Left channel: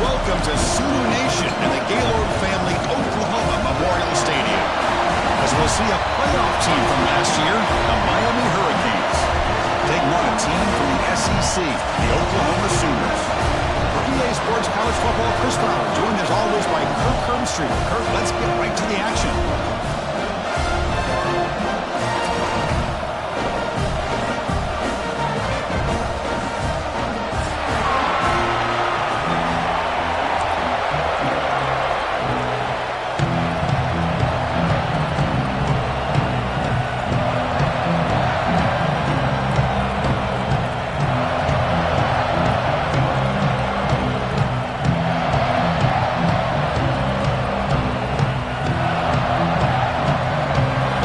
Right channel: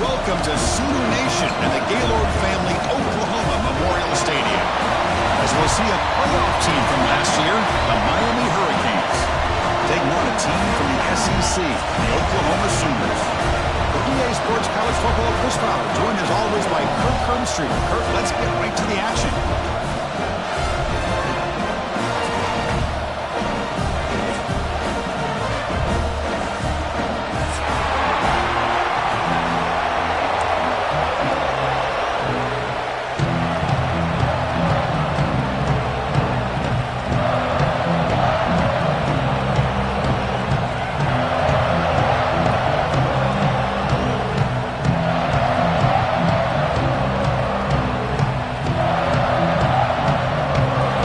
welcome to Sooner Nation and the Gaylord Family Oklahoma Memorial Stadium, as we'll see a playoff team from last year, the Miami Hurricanes, taking on a team from the SEC, the Oklahoma Sooners. For EA Sports College Football, Chris Fowler, joined as always by Kirk Herbstreit. Kirk, let's get right to the action.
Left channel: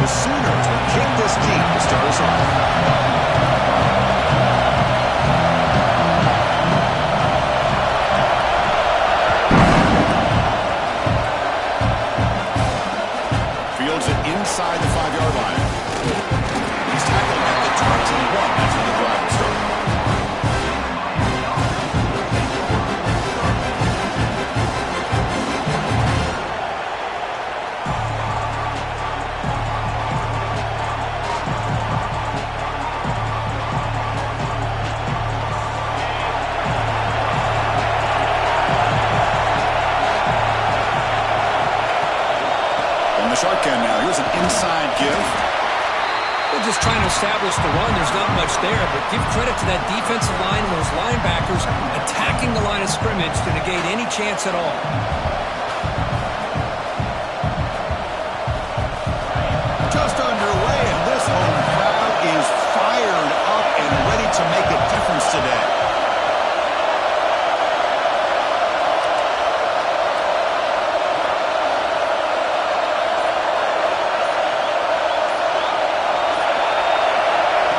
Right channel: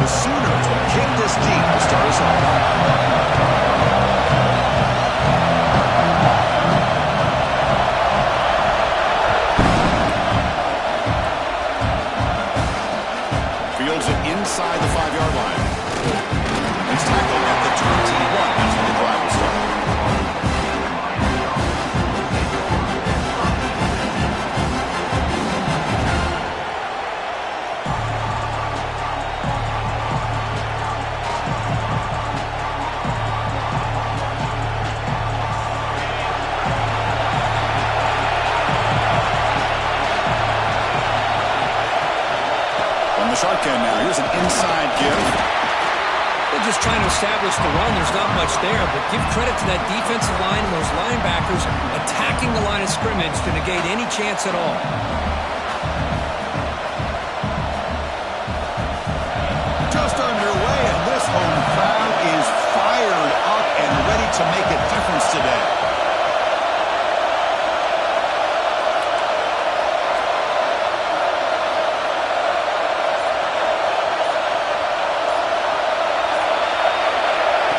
The Sooners will kick this deep to start us off. Fields it inside the 5-yard line. He's tackled at the 21. That's where the drive will start. The shotgun now. Here's an inside give. They're just trying to establish the run. There's not much there, but give credit to that defensive line and those linebackers attacking the line of scrimmage to negate any chance at all. Just underway, and this home crowd is fired up and ready to make a difference today.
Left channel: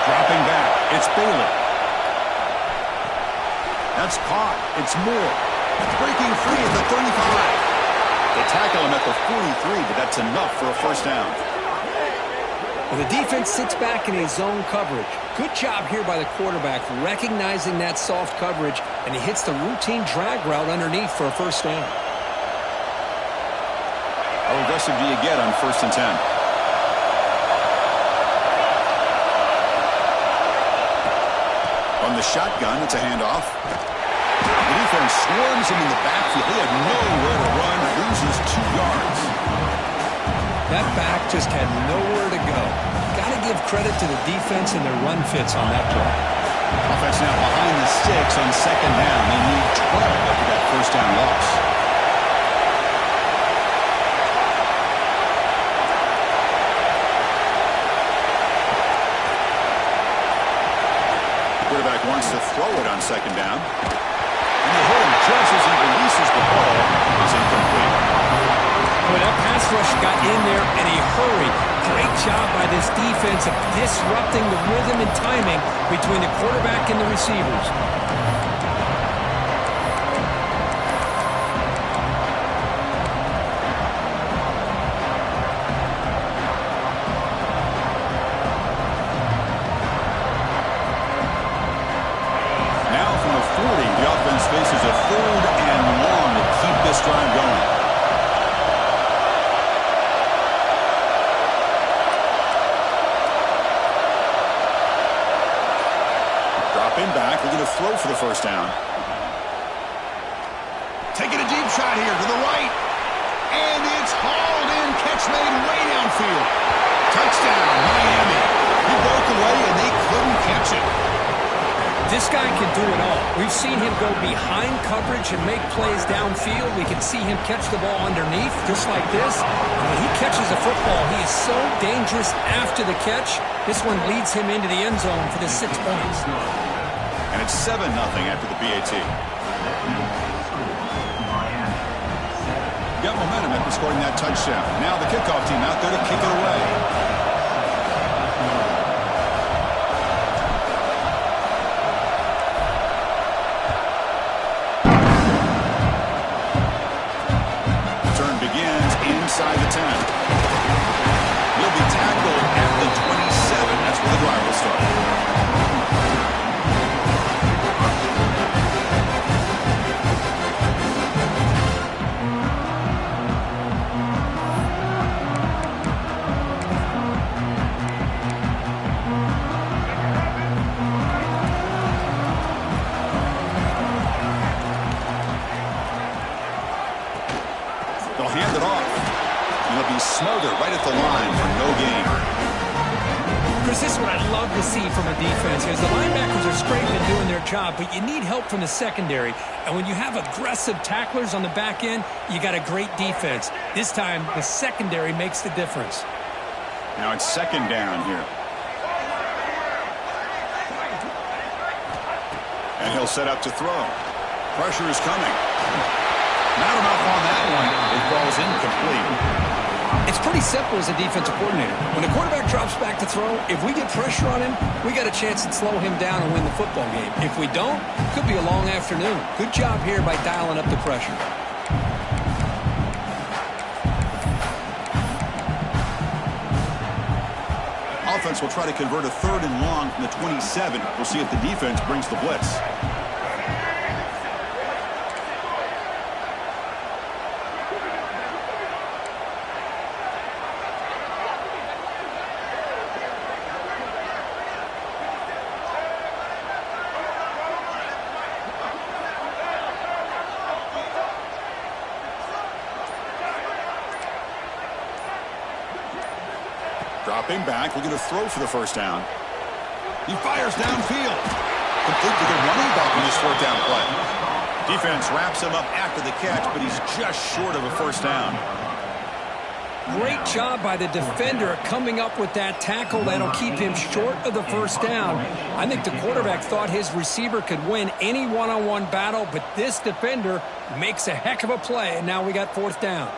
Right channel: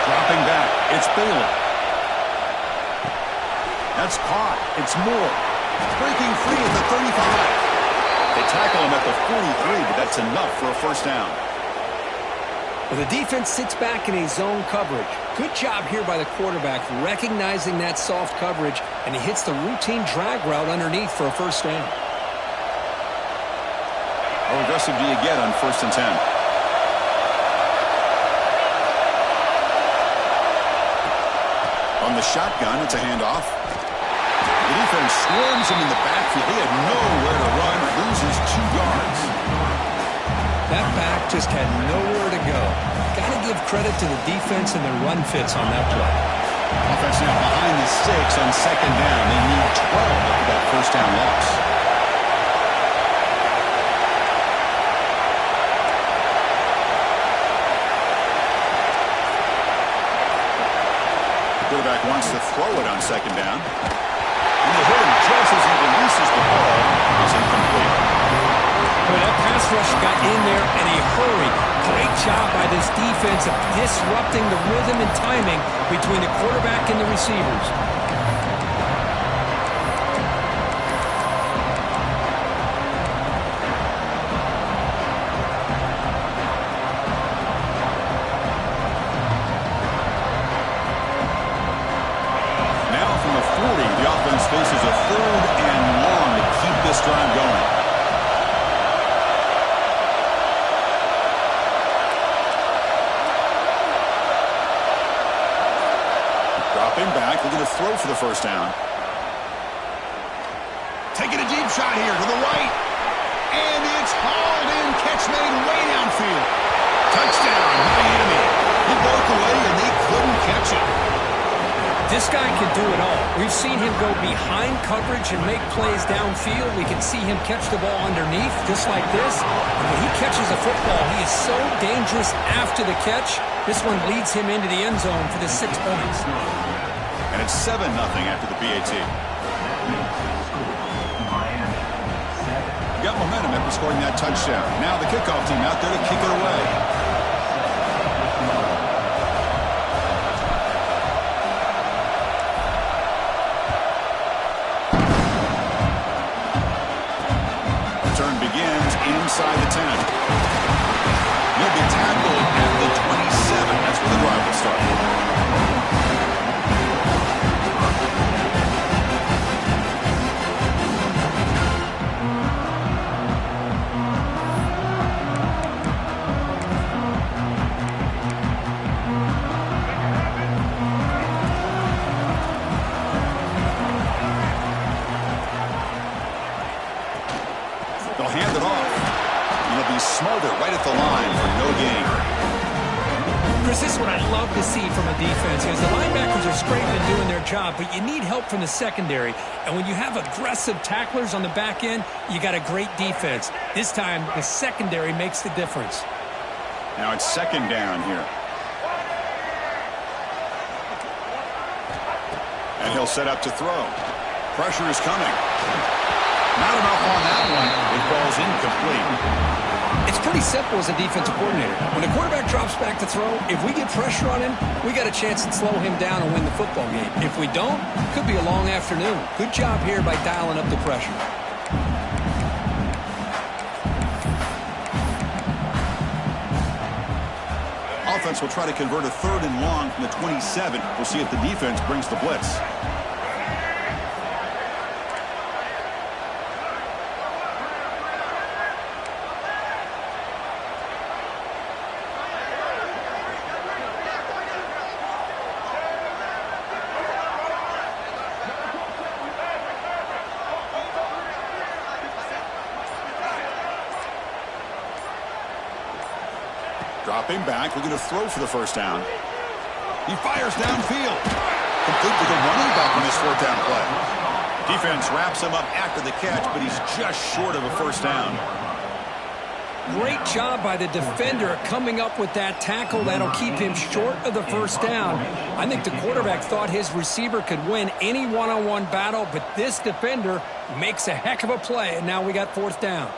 Dropping back, it's Bailey. That's caught. It's Moore. Breaking free at the 35. They tackle him at the 43, but that's enough for a first down. Well, the defense sits back in a zone coverage. Good job here by the quarterback recognizing that soft coverage, and he hits the routine drag route underneath for a first down. How aggressive do you get on 1st and 10? On the shotgun, it's a handoff. The defense swarms him in the backfield. He had nowhere to run, loses 2 yards. That back just had nowhere to go. Got to give credit to the defense and their run fits on that play. Offense now behind the 6 on 2nd down. They need 12 after that first down loss. Quarterback wants to throw it on 2nd down. And they hit him just as he releases the ball. It's incomplete. Well, that pass rush got in there in a hurry. Great job by this defense of disrupting the rhythm and timing between the quarterback and the receivers. The offense faces a 3rd and long to keep this drive going. Dropping back, looking to throw for the first down. Taking a deep shot here to the right. And it's hauled in, catch made way downfield. Touchdown, Miami. He broke away and they couldn't catch it. This guy can do it all. We've seen him go behind coverage and make plays downfield. We can see him catch the ball underneath, just like this. And when he catches a football, he is so dangerous after the catch. This one leads him into the end zone for the 6 points. And it's 7-0 after the PAT. Got momentum after scoring that touchdown. Now the kickoff team out there to kick it away. Begins inside the 10. He'll be tackled at the 27. That's where the drive will start. hand it off. He'll be smothered right at the line for no gain. Chris, this is what I love to see from a defense. Is the linebackers are scraping and doing their job, but you need help from the secondary. And when you have aggressive tacklers on the back end, you got a great defense. This time, the secondary makes the difference. Now it's second down here. And he'll set up to throw. Pressure is coming. Not enough on that one. It falls incomplete. It's pretty simple as a defensive coordinator. When the quarterback drops back to throw, if we get pressure on him, we got a chance to slow him down and win the football game. If we don't, it could be a long afternoon. Good job here by dialing up the pressure. Offense will try to convert a 3rd and long from the 27. We'll see if the defense brings the blitz. Dropping back, looking to throw for the first down. He fires downfield. Complete to the running back on this 4th down play. Defense wraps him up after the catch, but he's just short of a first down. Great job by the defender coming up with that tackle that'll keep him short of the first down. I think the quarterback thought his receiver could win any one-on-one battle, but this defender makes a heck of a play, and now we got 4th down.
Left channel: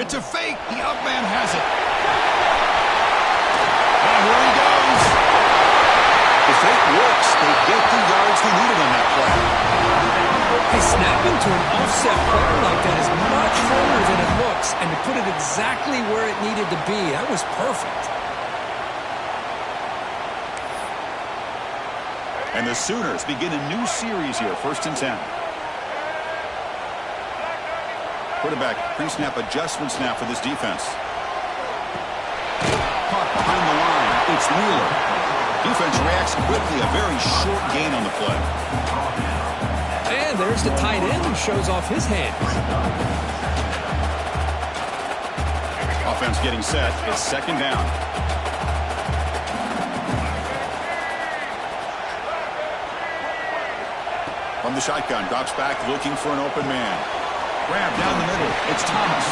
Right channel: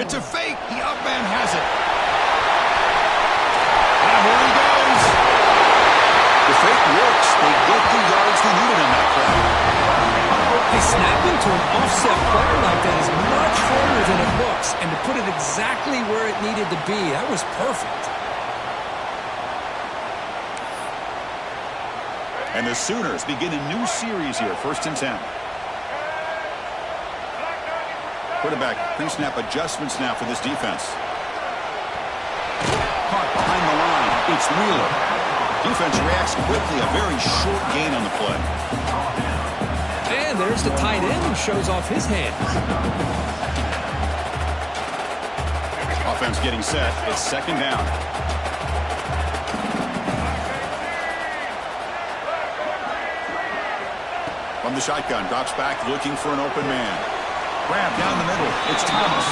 It's a fake. The outman has it. And here he goes. The fake works. They get the yards they needed on that play. Hey, snapping to an offset player like that is much harder than it looks. And to put it exactly where it needed to be, that was perfect. And the Sooners begin a new series here, 1st and 10. Quarterback pre-snap adjustments now for this defense. Caught behind the line. It's Wheeler. Defense reacts quickly. A very short gain on the play. And there's the tight end who shows off his hands. Offense getting set. It's 2nd down. From the shotgun, drops back looking for an open man. Grab down the middle. It's Thomas.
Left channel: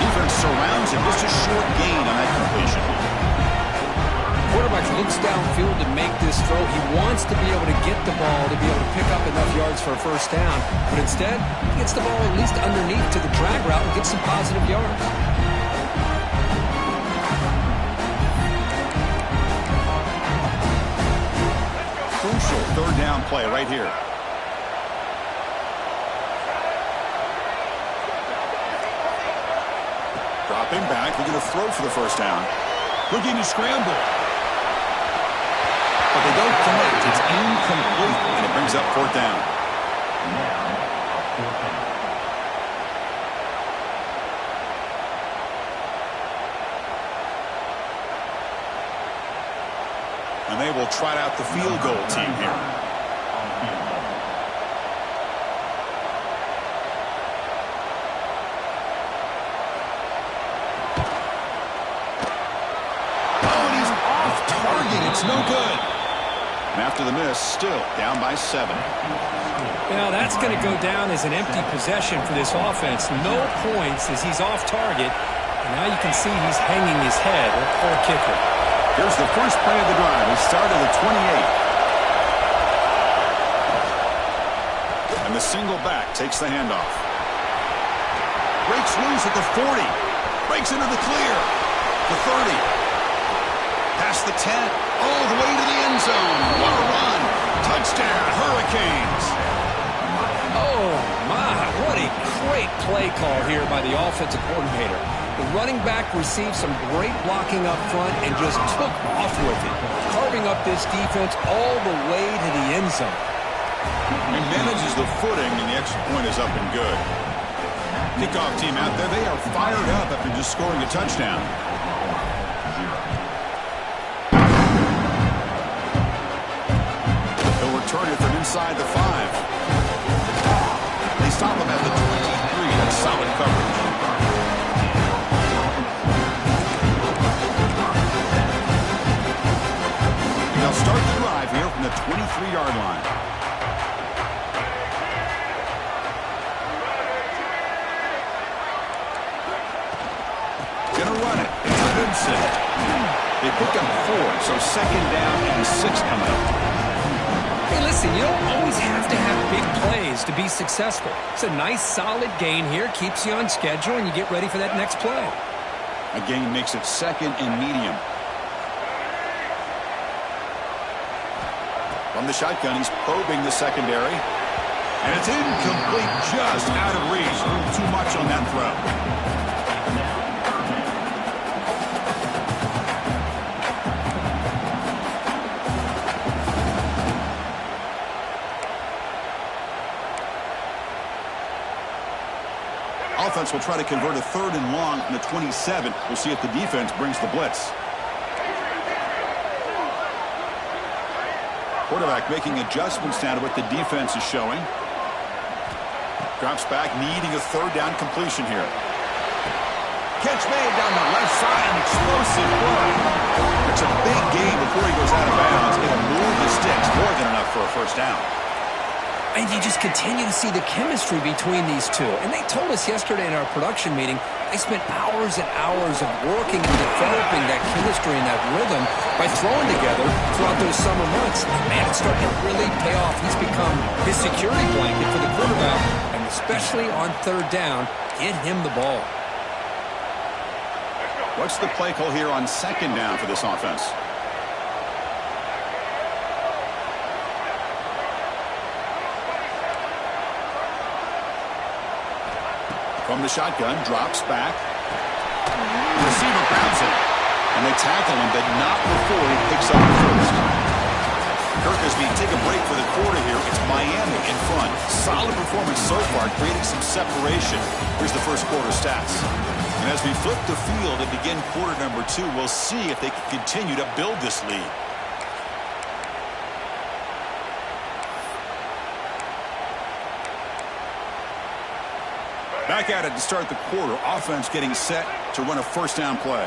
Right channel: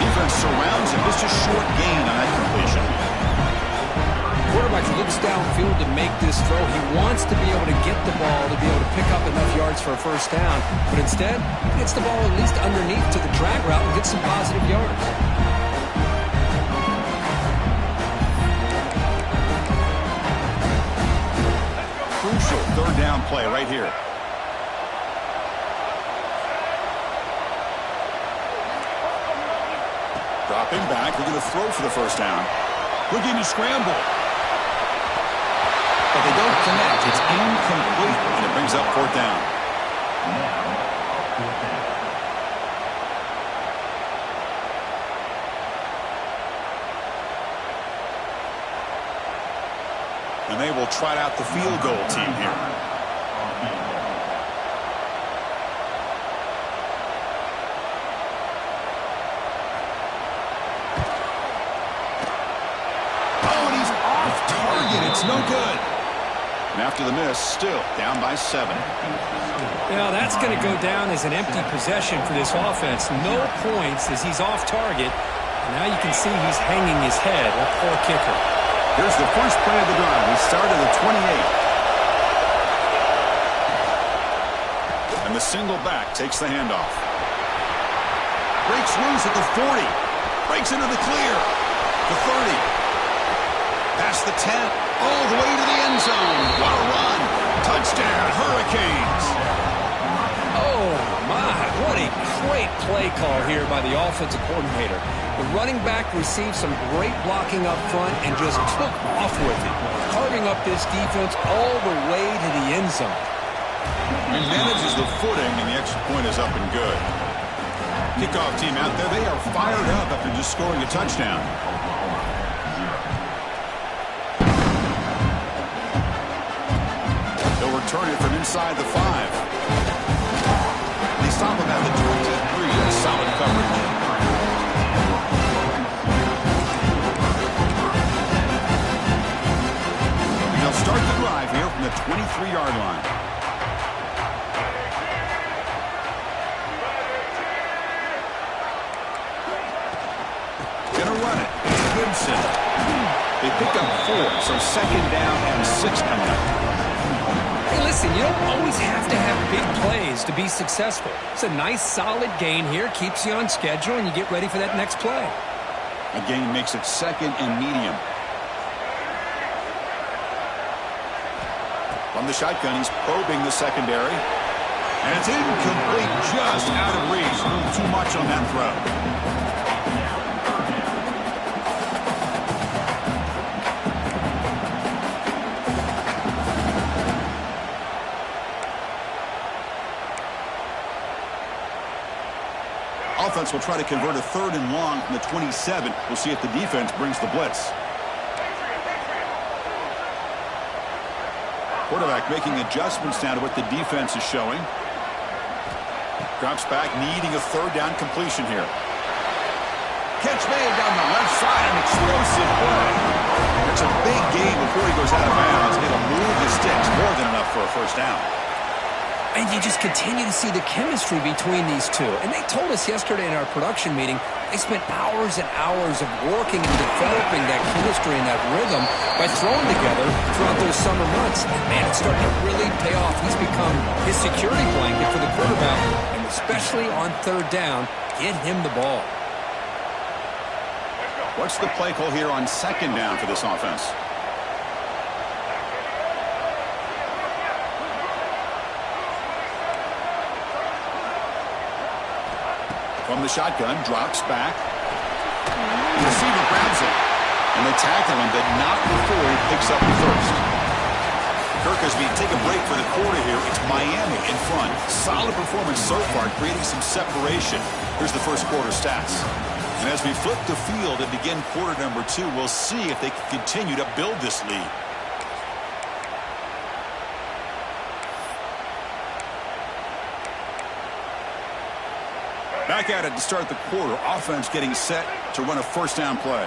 Defense surrounds him. Just a short gain on that completion. Quarterback looks downfield to make this throw. He wants to be able to get the ball to be able to pick up enough yards for a first down. But instead, he gets the ball at least underneath to the drag route and gets some positive yards. Crucial 3rd down play right here. Dropping back, looking to throw for the first down. Looking to scramble. But they don't connect. It's incomplete, and it brings up 4th down. And they will trot out the field goal team here. It's no good. And after the miss, still down by 7. Now that's going to go down as an empty possession for this offense. No points as he's off target. And now you can see he's hanging his head. A poor kicker. Here's the first play of the drive. He started at the 28. And the single back takes the handoff. Breaks loose at the 40. Breaks into the clear. The 30. Past the 10, all the way to the end zone. What a run. Touchdown, Hurricanes. Oh, my. What a great play call here by the offensive coordinator. The running back received some great blocking up front and just took off with it, carving up this defense all the way to the end zone. He manages the footing, and the extra point is up and good. Kickoff team out there, they are fired up after just scoring a touchdown. They'll return it from inside the 5. They stop him at the 23. on solid coverage. And they'll start the drive here from the 23-yard line. Gonna run it. It's Goodson. They pick up 4, so 2nd down and 6 coming up. Hey, listen, you don't always have to have big plays to be successful. It's a nice, solid gain here. Keeps you on schedule, and you get ready for that next play. A gain makes it 2nd and medium. From the shotgun, he's probing the secondary. And it's incomplete, just out of reach. A little too much on that throw. Offense will try to convert a 3rd and long from the 27. We'll see if the defense brings the blitz. Quarterback making adjustments now to what the defense is showing. Drops back, needing a 3rd down completion here. Catch made down the left side, an explosive play. It's a big gain before he goes out of bounds. It'll move the sticks, more than enough for a 1st down. And you just continue to see the chemistry between these two. And they told us yesterday in our production meeting, they spent hours and hours of working and developing that chemistry and that rhythm by throwing together throughout those summer months. And man, it's starting to really pay off. He's become his security blanket for the quarterback, and especially on 3rd down, get him the ball. What's the play call here on 2nd down for this offense? From the shotgun, drops back. Receiver grabs it. And they tackle him, but not before he picks up the 1st. Kirkisby take a break for the quarter here. It's Miami in front. Solid performance so far, creating some separation. Here's the 1st quarter stats. And as we flip the field and begin quarter number 2, we'll see if they can continue to build this lead. Back at it to start the quarter. Offense getting set to run a 1st down play.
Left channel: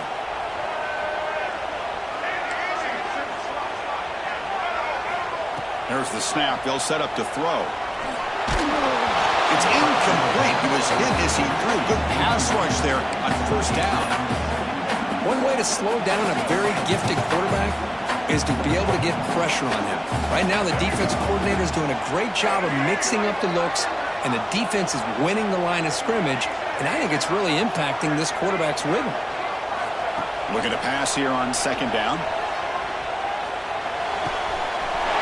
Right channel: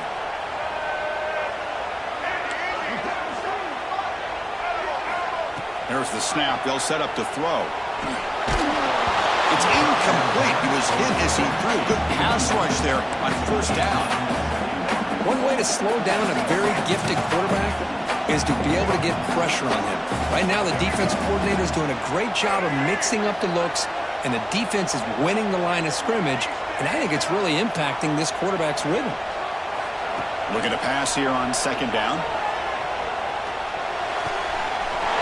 There's the snap. They'll set up to throw. It's incomplete. He was hit as he threw. Good pass rush there on 1st down. One way to slow down a very gifted quarterback is to be able to get pressure on him. Right now, the defense coordinator is doing a great job of mixing up the looks, and the defense is winning the line of scrimmage, and I think it's really impacting this quarterback's rhythm. Looking to pass here on 2nd down.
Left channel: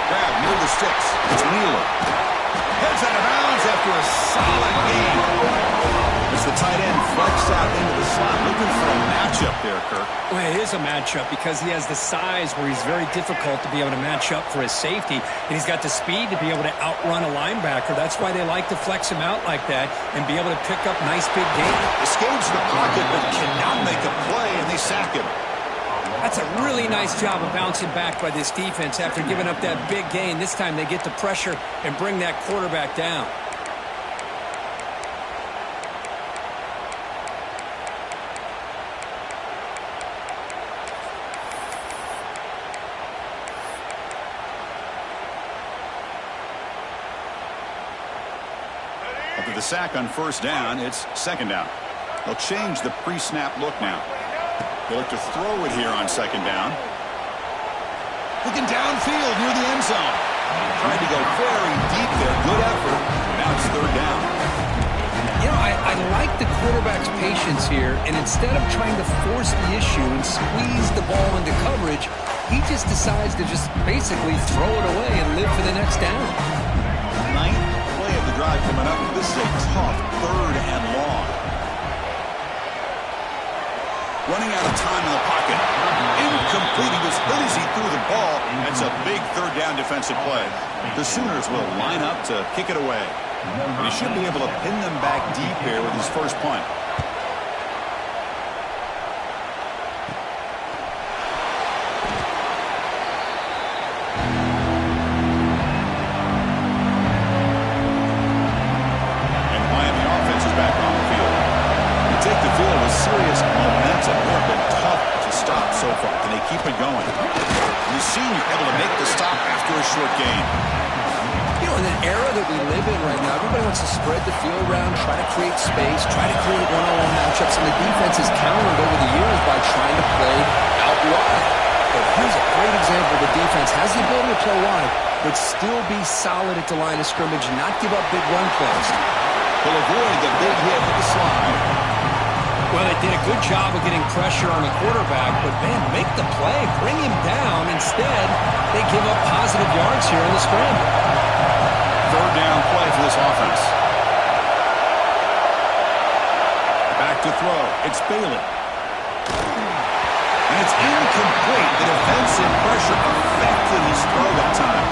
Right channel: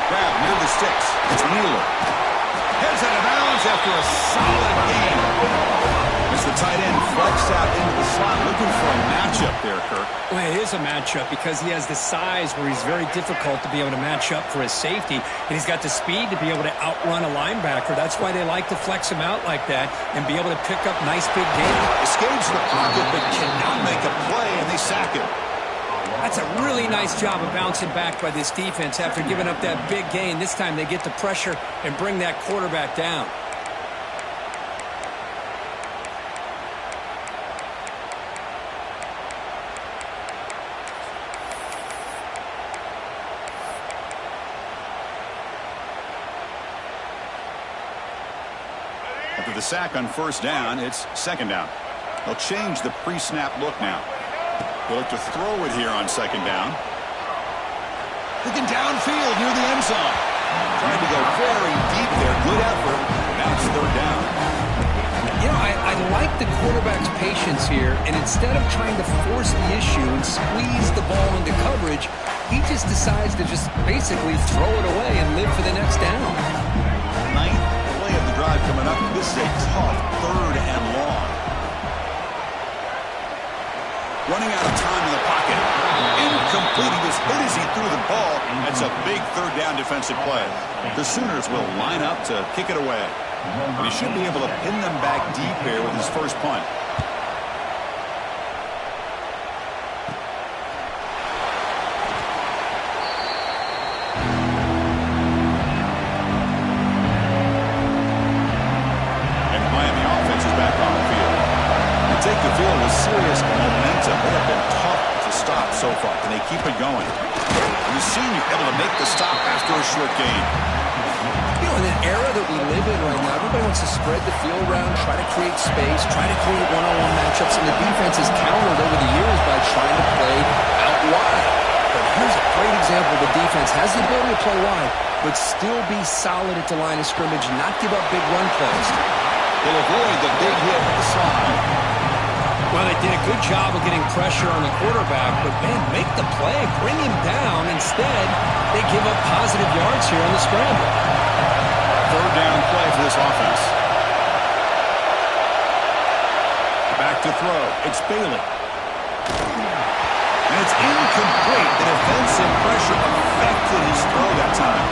Grab near the sticks. It's Wheeler. Heads out of bounds after a solid game. As the tight end flexed out into the slot, looking for a matchup there, Kirk. Well, it is a matchup because he has the size where he's very difficult to be able to match up for his safety, and he's got the speed to be able to outrun a linebacker. That's why they like to flex him out like that and be able to pick up nice big gains. Escapes the pocket but cannot make a play, and they sack him. That's a really nice job of bouncing back by this defense after giving up that big gain. This time they get the pressure and bring that quarterback down. After the sack on 1st down, it's 2nd down. They'll change the pre-snap look now. They look to throw it here on 2nd down. Looking downfield near the end zone. Tried to go very deep there. Good effort. Now it's 3rd down. You know, I like the quarterback's patience here, and instead of trying to force the issue and squeeze the ball into coverage, he just decides to just basically throw it away and live for the next down. 9th play of the drive coming up. This is a tough 3rd and long. Running out of time in the pocket. Incomplete. He was hit as he threw the ball. That's a big 3rd down defensive play. The Sooners will line up to kick it away. And he should be able to pin them back deep here with his 1st punt. And Miami offense is back on the field. take the field with serious momentum. They have been tough to stop so far. Can they keep it going? The senior able to make the stop after a short gain. You know, in an era that we live in right now, everybody wants to spread the field around, try to create space, try to create one-on-one matchups, and the defense has countered over the years by trying to play out wide. But here's a great example. The defense has the ability to play wide, but still be solid at the line of scrimmage and not give up big run plays. He'll avoid the big hit with the slide. Well, they did a good job of getting pressure on the quarterback, but, man, make the play. Bring him down. Instead, they give up positive yards here on the scramble. Third down play for this offense. Back to throw. It's Bailey. And it's incomplete. The defensive pressure affected his throw that time.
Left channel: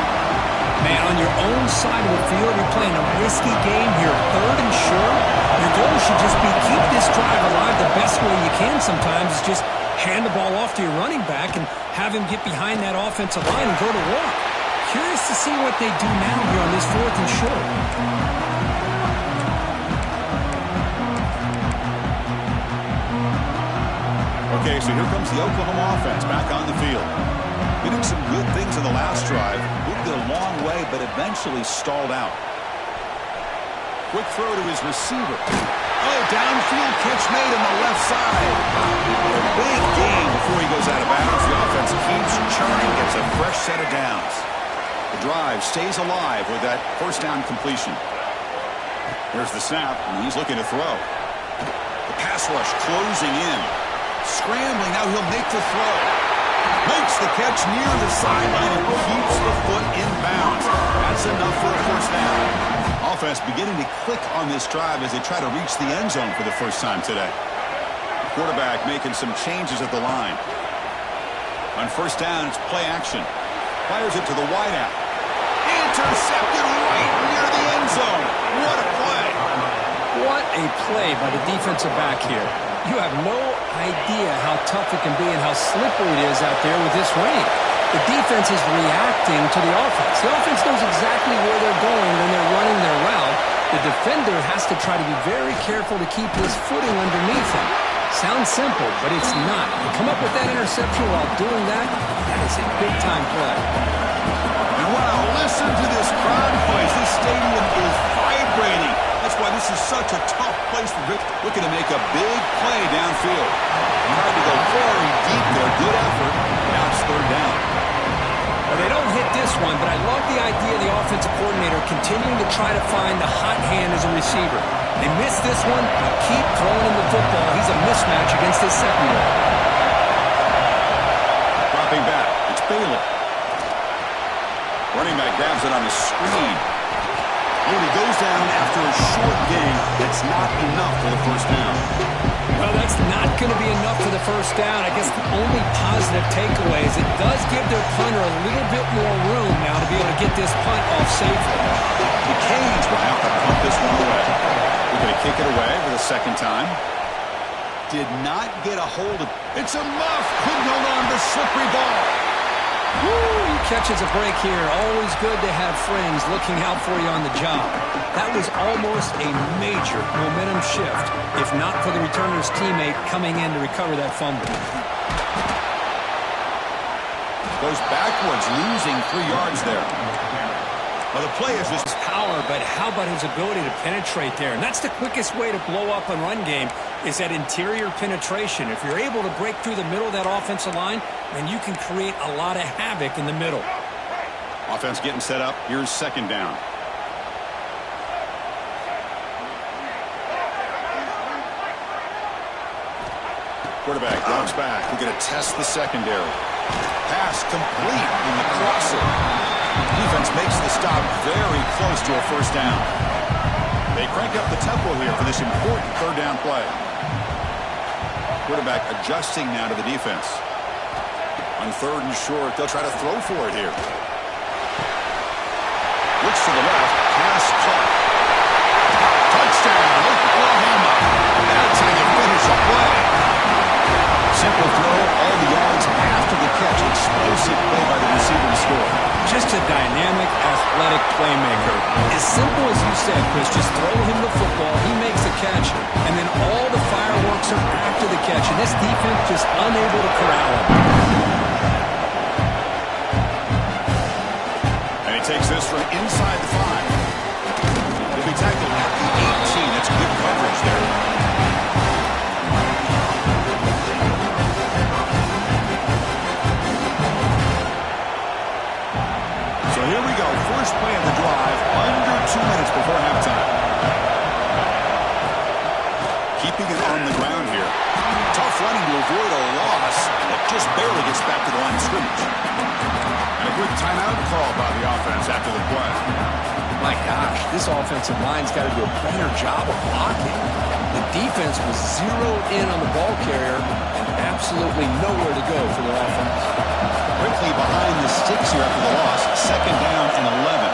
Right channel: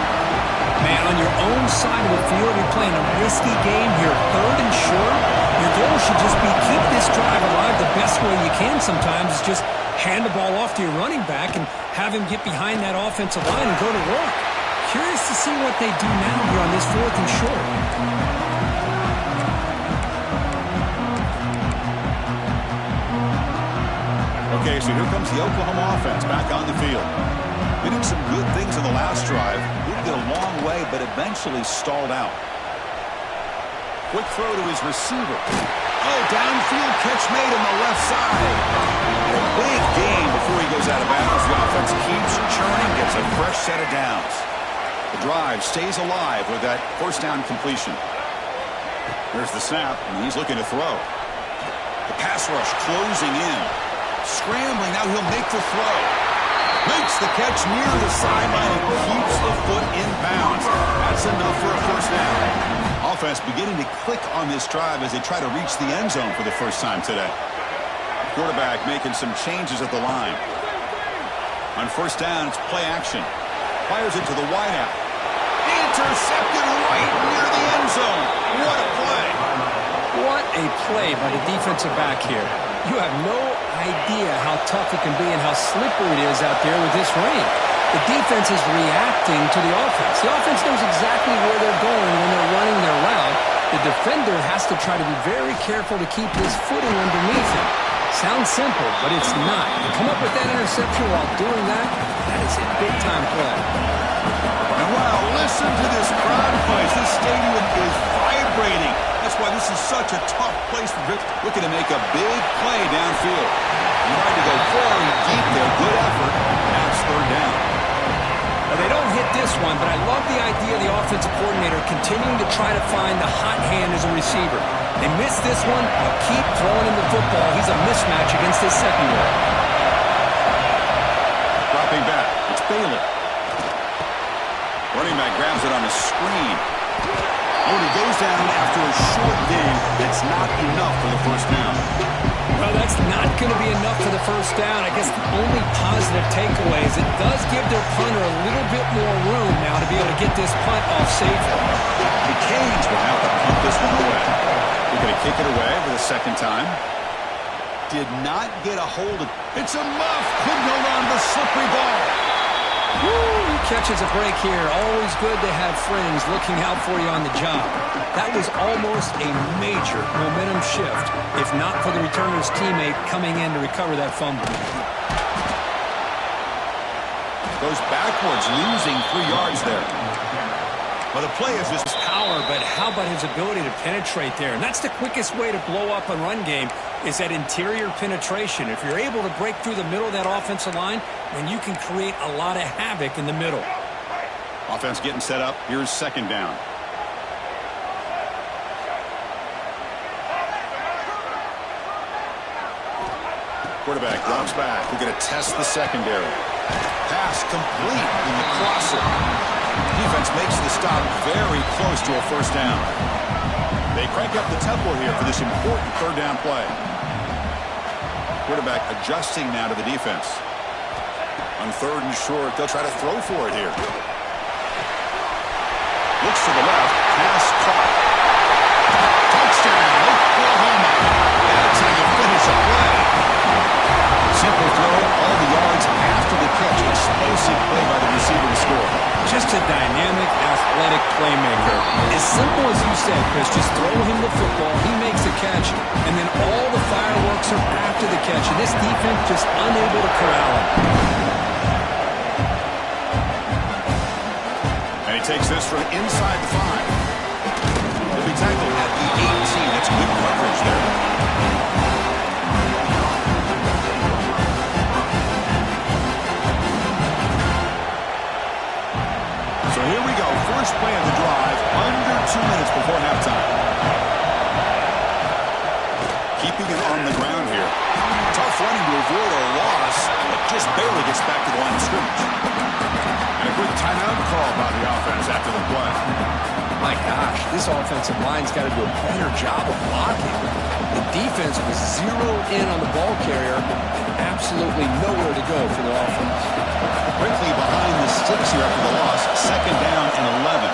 Man, on your own side of the field, you're playing a risky game here. Third and short. Your goal should just be keep this drive alive the best way you can sometimes is just hand the ball off to your running back and have him get behind that offensive line and go to work. Curious to see what they do now here on this fourth and short. Okay, so here comes the Oklahoma offense back on the field. They did some good things in the last drive. Moved it a long way, but eventually stalled out. Quick throw to his receiver. Oh, downfield catch made on the left side. And a big gain before he goes out of bounds. The offense keeps churning, gets a fresh set of downs. The drive stays alive with that first down completion. There's the snap, and he's looking to throw. The pass rush closing in. Scrambling, now he'll make the throw. Makes the catch near the sideline and keeps the foot in bounds. That's enough for a first down. Offense beginning to click on this drive as they try to reach the end zone for the first time today. Quarterback making some changes at the line. On first down, it's play action. Fires it to the wideout. Intercepted right near the end zone. What a play. What a play by the defensive back here. You have no idea how tough it can be and how slippery it is out there with this rain. The defense is reacting to the offense. The offense knows exactly where they're going when they're running their route. The defender has to try to be very careful to keep his footing underneath him. Sounds simple, but it's not. You come up with that interception while doing that, that is a big-time play. And wow, listen to this crowd noise. This stadium is vibrating. That's why this is such a tough place for Rick. Looking to make a big play downfield. Tried to go very deep there. Good effort. Now it's third down. Well, they don't hit this one, but I love the idea of the offensive coordinator continuing to try to find the hot hand as a receiver. They miss this one, but keep throwing him the football. He's a mismatch against his secondary. Dropping back. It's Bailey. Running back grabs it on the screen. Oh, and he goes down after a short gain. That's not enough for the first down. Well, that's not going to be enough for the first down. I guess the only positive takeaway is it does give their punter a little bit more room now to be able to get this punt off safely. The Canes will have to punt this one away. They're going to kick it away for the second time. Did not get a hold of it. It's a muff. Couldn't hold on to the slippery ball. Woo, he catches a break here. Always good to have friends looking out for you on the job. That was almost a major momentum shift, if not for the returner's teammate coming in to recover that fumble. Goes backwards, losing 3 yards there. Well, the play is just power, but how about his ability to penetrate there? And that's the quickest way to blow up a run game is that interior penetration. If you're able to break through the middle of that offensive line, then you can create a lot of havoc in the middle. Offense getting set up. Here's second down. Quarterback drops back. We're going to test the secondary. Pass complete in the crosser. Defense makes the stop very close to a first down. They crank up the tempo here for this important third down play. Quarterback adjusting now to the defense. On third and short, they'll try to throw for it here. Looks to the left. Pass caught. Touchdown, Oklahoma. That's how you finish a play. Simple throw, all the yards after the catch. Explosive play by the receiver to score. Just a dynamic, athletic playmaker. As simple as you said, Chris, just throw him the football, he makes a catch, and then all the fireworks are after the catch, and this defense just unable to corral him. And he takes this from inside the 5. He'll be tackled at the 18. That's good coverage there. So here we go. First play of the drive, under 2 minutes before halftime. Keeping it on the ground here. Tough running to avoid a loss, but just barely gets back to the line of scrimmage. And a quick timeout call by the offense after the play. My gosh, this offensive line's got to do a better job of blocking. The defense was zeroed in on the ball carrier and absolutely nowhere to go for the offense. Quickly behind the sticks here after the loss. Second down and 11.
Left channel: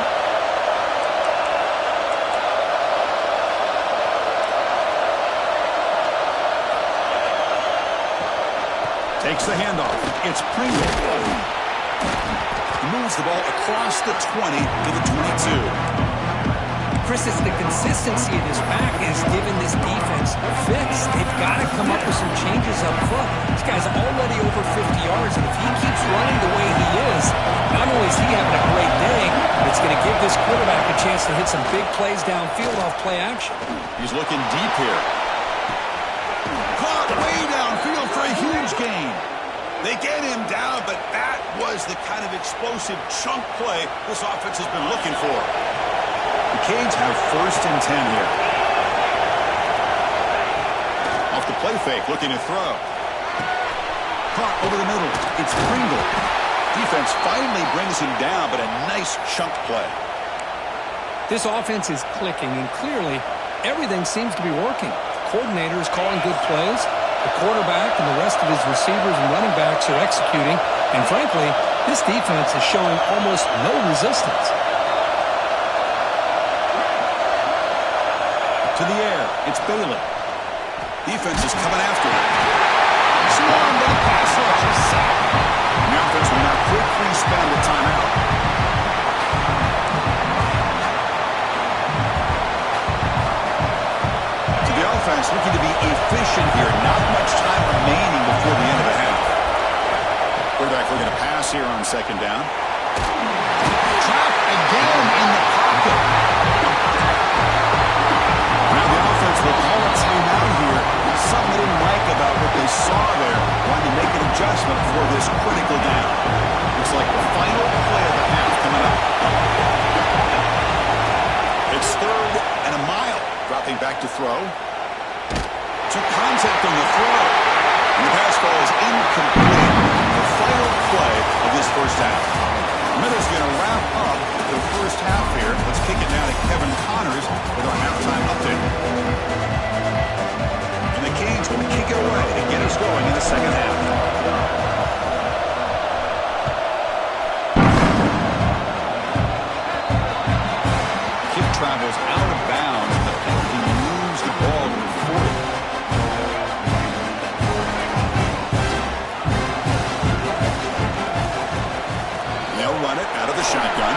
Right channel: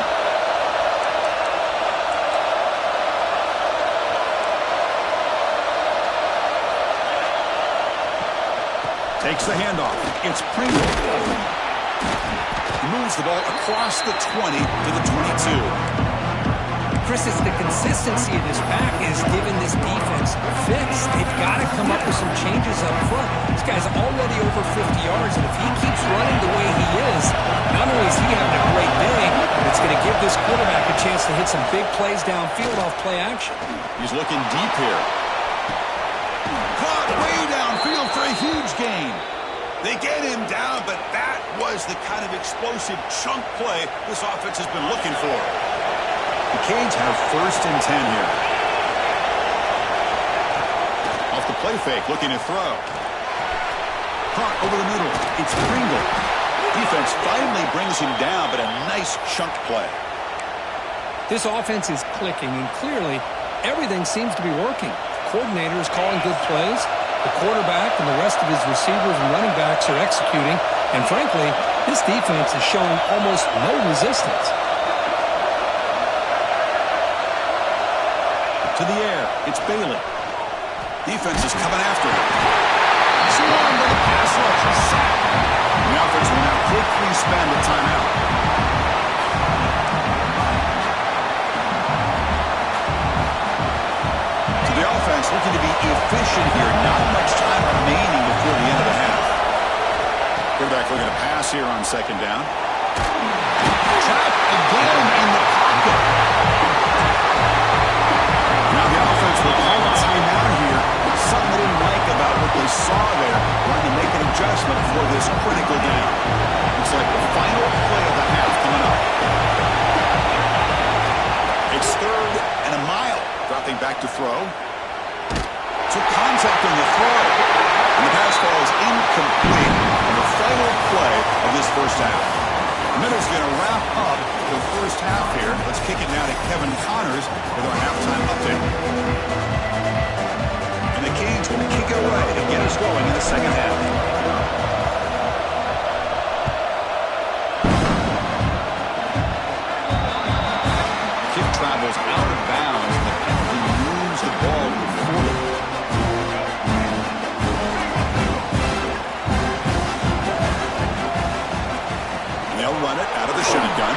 Takes the handoff. It's Pringle. Moves the ball across the 20 to the 22. Chris, it's the consistency of this pack is giving this defense a fix. They've got to come up with some changes up front. This guy's already over 50 yards, and if he keeps running the way he is, not only is he having a great day, but it's going to give this quarterback a chance to hit some big plays downfield off play action. He's looking deep here. Caught way downfield for a huge gain. They get him down, but that was the kind of explosive chunk play this offense has been looking for. The Canes have first and 10 here. Off the play fake, looking to throw. Caught over the middle. It's Pringle. Defense finally brings him down, but a nice chunk play. This offense is clicking, and clearly everything seems to be working. The coordinator is calling good plays. The quarterback and the rest of his receivers and running backs are executing. And frankly, this defense is showing almost no resistance. To the air, it's Bailey. Defense is coming after him. Swarmed by the pass rush is sacked. The offense will now quickly spend a timeout. So the offense looking to be efficient here. Not much time remaining before the end of the half. Quarterback looking to pass here on second down. Trapped again in the pocket. Now the offense will call a timeout here. Something they didn't like about what they saw there. Wanting to make an adjustment for this critical down. Looks like the final play of the half coming up. It's third and a mile. Dropping back to throw. Took contact on the throw. And the pass ball is incomplete. The final play of this first half. Miller's going to wrap up the first half here. Let's kick it now to Kevin Connors with our halftime update. And the Canes will kick it away to get us going in the second half. Kick travels out of bounds, and the penalty moves the ball to the 40. They'll run it out of the shotgun.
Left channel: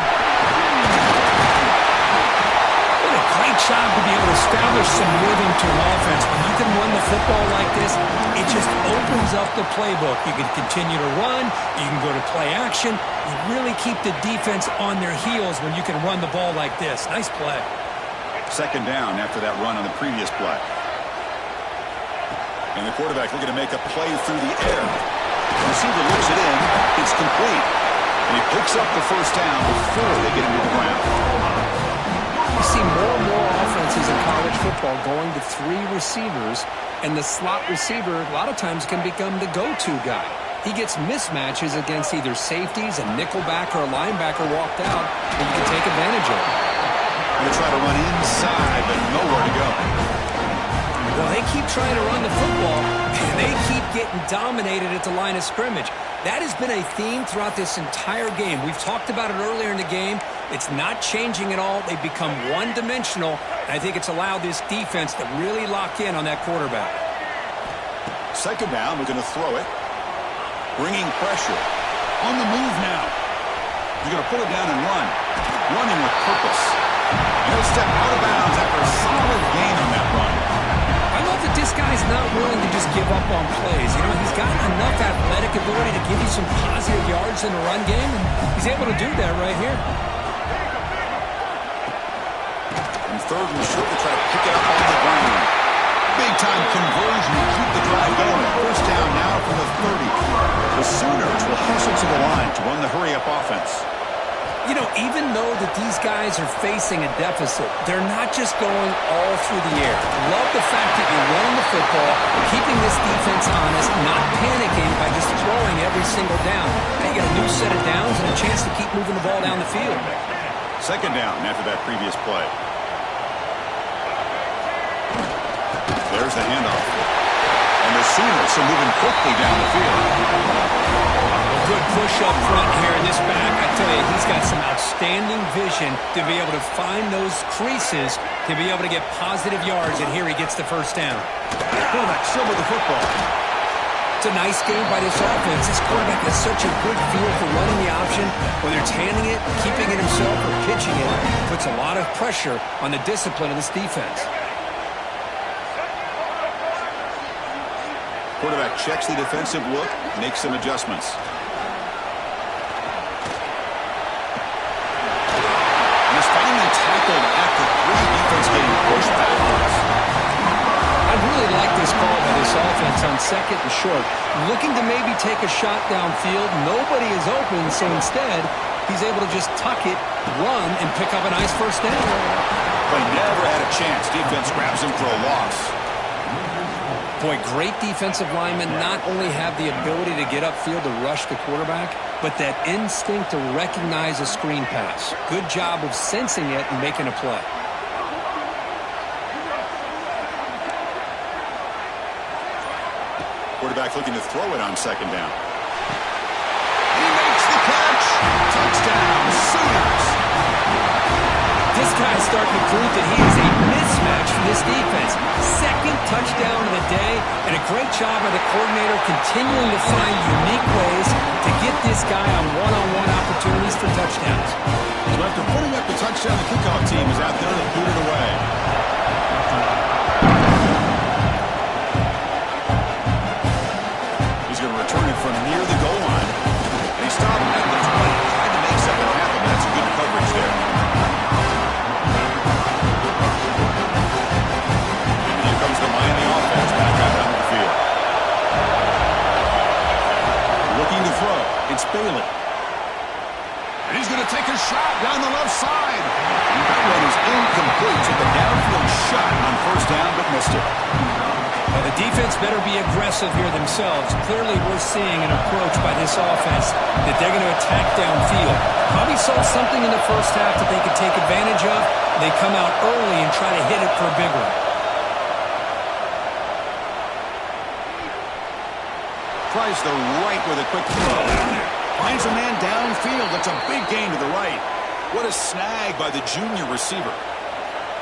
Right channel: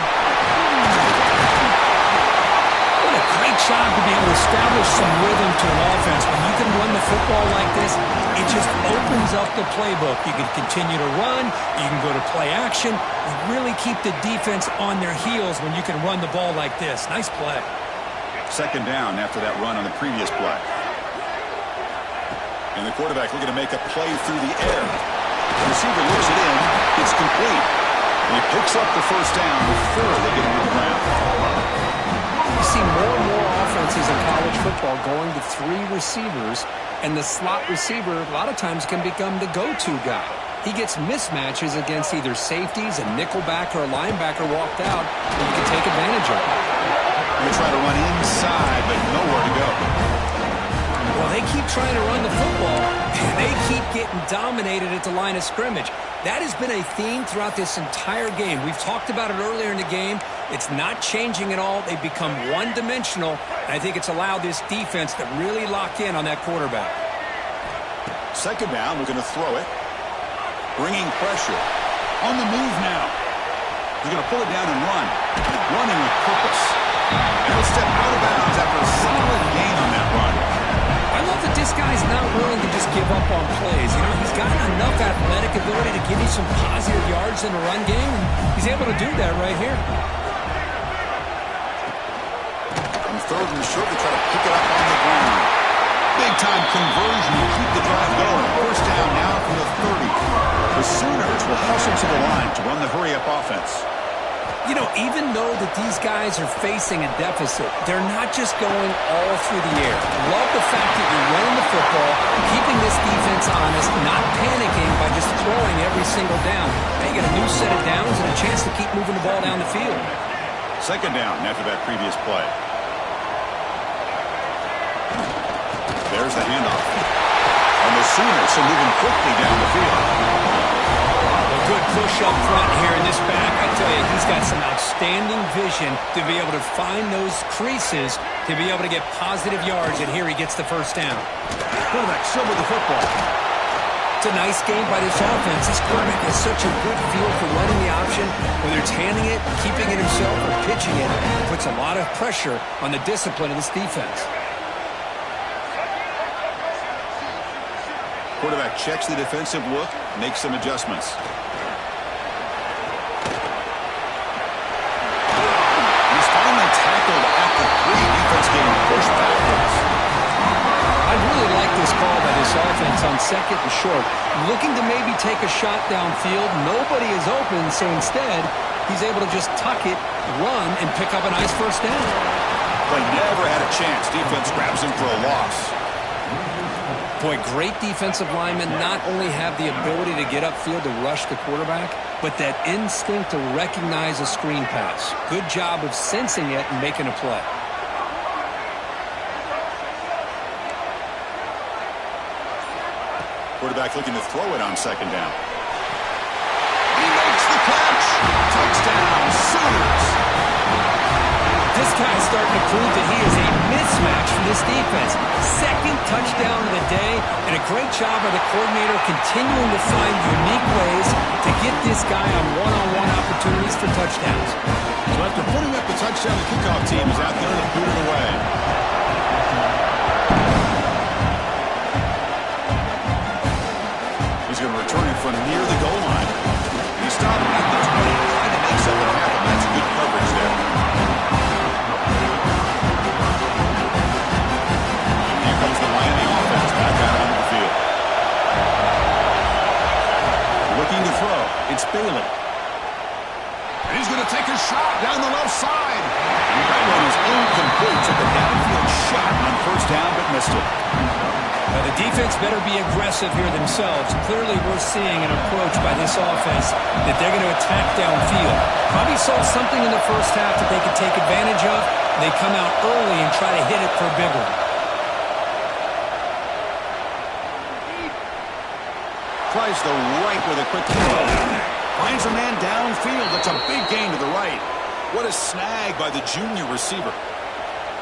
What a great job to be able to establish some rhythm to an offense. When you can run the football like this, it just opens up the playbook. You can continue to run. You can go to play action. You really keep the defense on their heels when you can run the ball like this. Nice play. Second down after that run on the previous play. And the quarterback looking to make a play through the air. The receiver looks it in. It's complete. And he picks up the first down before they get him to the ground. You see more and more offenses in college football going to 3 receivers, and the slot receiver a lot of times can become the go-to guy. He gets mismatches against either safeties, a nickelback, or a linebacker walked out, and you can take advantage of it. Going to try to run inside, but nowhere to go. Well, they keep trying to run the football, and they keep getting dominated at the line of scrimmage. That has been a theme throughout this entire game. We've talked about it earlier in the game. It's not changing at all. They've become one-dimensional, and I think it's allowed this defense to really lock in on that quarterback. Second down, we're going to throw it. Bringing pressure. On the move now. He's going to pull it down and run. Running with purpose. And he'll step out of bounds after a solid gain on that run. I love that this guy's not willing to just give up on plays. You know, he's got enough athletic ability to give you some positive yards in the run game, and he's able to do that right here. And third and short, they try to pick it up on the ground. Big-time conversion to keep the drive going. First down now from the 30. The Sooners will hustle to the line to run the hurry-up offense. You know, even though that these guys are facing a deficit, they're not just going all through the air. Love the fact that you're running the football, keeping this defense honest, not panicking by just throwing every single down. Now you get a new set of downs and a chance to keep moving the ball down the field. Second down after that previous play. There's the handoff. And the Sooners are moving quickly down the field. Good push up front here in this back. I tell you, he's got some outstanding vision to be able to find those creases to be able to get positive yards, and here he gets the first down. Quarterback still with the football. It's a nice game by this offense. This quarterback has such a good feel for running the option, whether it's handing it, keeping it himself, or pitching it. Puts a lot of pressure on the discipline of this defense. Quarterback checks the defensive look, makes some adjustments. He's finally tackled at the 3. Defense getting pushed backwards. I really like this call by this offense on second and short. Looking to maybe take a shot downfield. Nobody is open, so instead, he's able to just tuck it, run, and pick up a nice first down. Play never had a chance. Defense grabs him for a loss. Boy, great defensive linemen not only have the ability to get upfield to rush the quarterback, but that instinct to recognize a screen pass. Good job of sensing it and making a play. Quarterback looking to throw it on second down. He makes the catch. Touchdown, Sooners. This guy's starting to prove that he is a mismatch for this defense. Second touchdown of the day, and a great job by the coordinator continuing to find unique ways to get this guy on one-on-one opportunities for touchdowns. So after putting up the touchdown, the kickoff team is out there to boot it away. He's going to return it from near the goal line. And he stopped at the 20, tried to make something happen, but that's good coverage there. Comes the Miami offense back out onto the field. Looking to throw. It's Bailey. And he's going to take a shot down the left side. That one is incomplete. Took a downfield shot on first down, but missed it. Now the defense better be aggressive here themselves. Clearly we're seeing an approach by this offense that they're going to attack downfield. Probably saw something in the first half that they could take advantage of. They come out early and try to hit it for a big one. Tries the right with a quick throw. Finds a man downfield. That's a big gain to the right. What a snag by the junior receiver.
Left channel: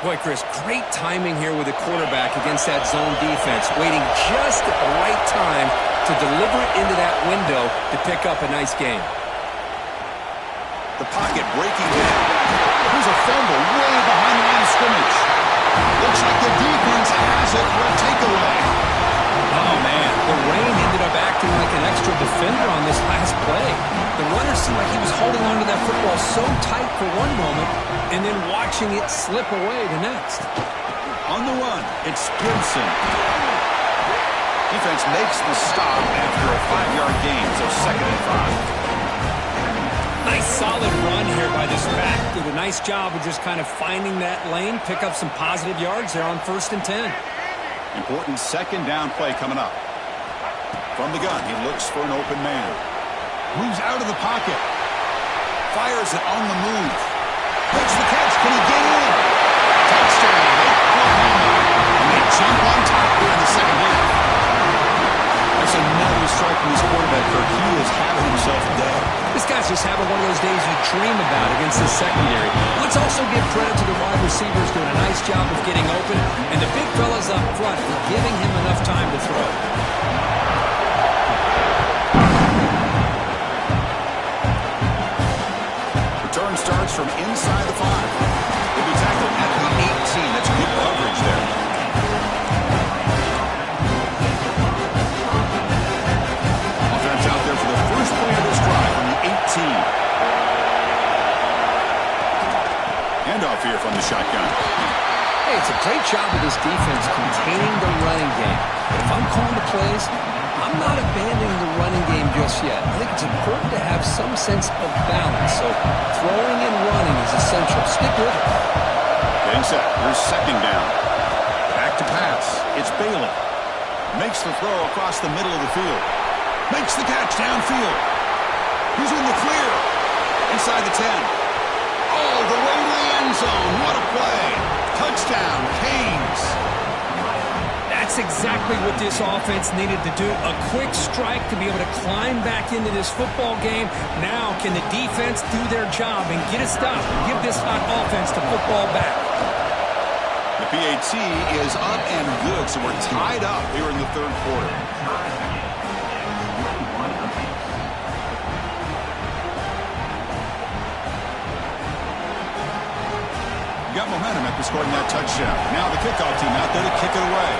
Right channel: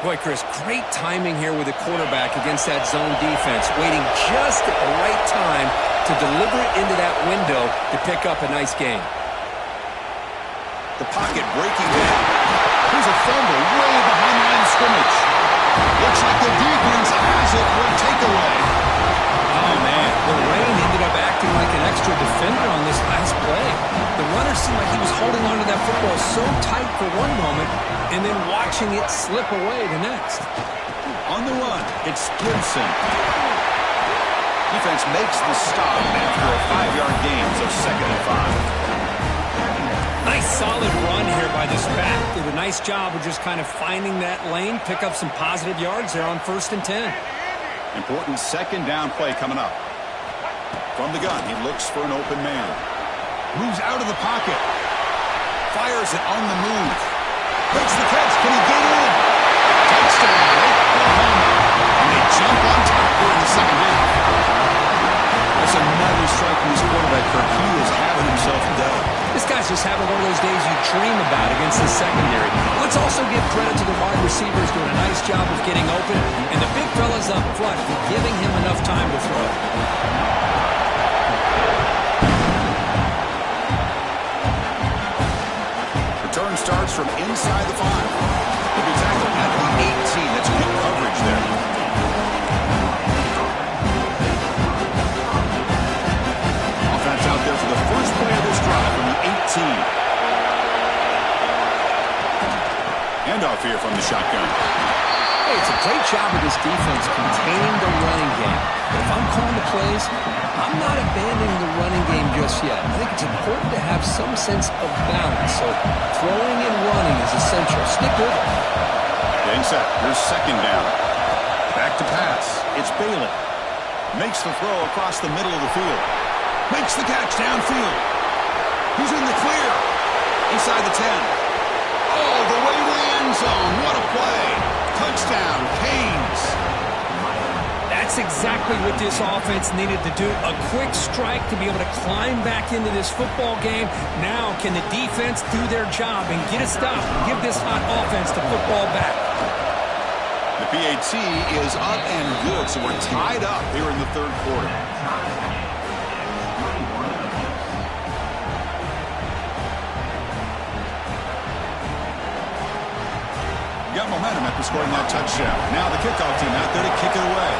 Boy, Chris, great timing here with the quarterback against that zone defense. Waiting just at the right time to deliver it into that window to pick up a nice gain. The pocket breaking down. Here's a fumble way behind the line of scrimmage. Looks like the defense has it for a takeaway. Oh, man, the rain ended up acting like an extra defender on this last play. The runner seemed like he was holding onto that football so tight for one moment and then watching it slip away the next. On the run, it's Gibson. Defense makes the stop after a 5-yard gain, so 2nd and 5. Nice solid run here by this back. Did a nice job of just kind of finding that lane, pick up some positive yards there on 1st and 10. Important second down play coming up. From the gun, he looks for an open man. Moves out of the pocket. Fires it on the move. Makes the catch. Can he get in? Touchdown, Oklahoma. And they jump on top here in the second half. That's another strike from this quarterback, Kirk. He is having himself a day. This guy's just having one of those days you dream about against the secondary. Let's also give credit to the wide receivers doing a nice job of getting open, and the big fellas up front for giving him enough time to throw. return starts from inside the 5. He'll be tackled at the 18. That's good coverage there. Offense out there for the first play of this drive from the 18. Handoff here from the shotgun. Hey, it's a great job of this defense containing the running game. But if I'm calling the plays, I'm not abandoning the running game just yet. I think it's important to have some sense of balance. So throwing and running is essential. Stick with it. Getting set. Here's second down. Back to pass. It's Bailey. Makes the throw across the middle of the field. Makes the catch downfield. He's in the clear. Inside the 10. All the way to the end zone. What a play. Touchdown, Canes. That's exactly what this offense needed to do. A quick strike to be able to climb back into this football game. Now can the defense do their job and get a stop? Give this hot offense the football back. The PAT is up and good, so we're tied up here in the third quarter. Got momentum after scoring that touchdown. Now the kickoff team out there to kick it away.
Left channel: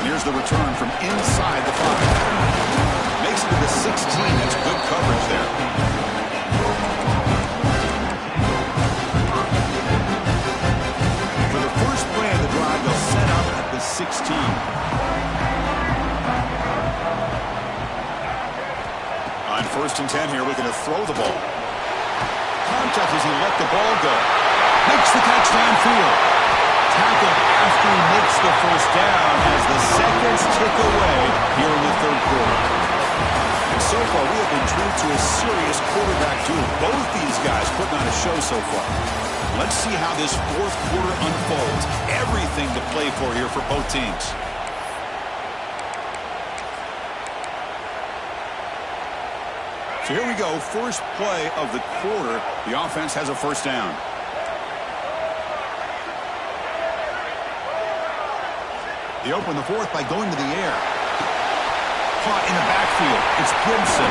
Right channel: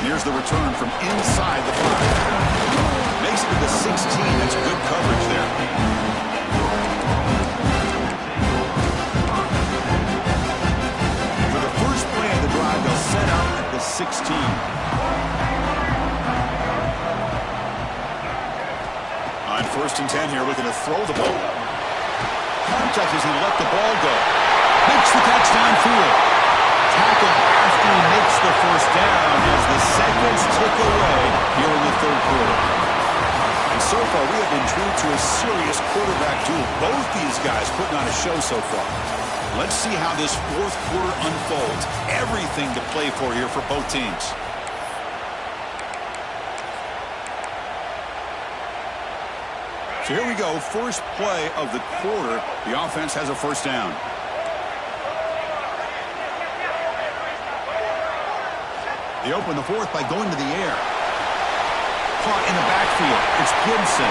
And here's the return from inside the 5. Makes it to the 16. That's good coverage there. For the first play of the drive, they'll set up at the 16. On 1st and 10 here, looking to throw the ball. Contact as he let the ball go. Makes the catch downfield. Tackled after he makes the first down as the seconds tick away here in the third quarter. And so far, we have been true to a serious quarterback duel. Both these guys putting on a show so far. Let's see how this fourth quarter unfolds. Everything to play for here for both teams. So here we go, first play of the quarter. The offense has a first down. They open the fourth by going to the air. Caught in the backfield. It's Gibson.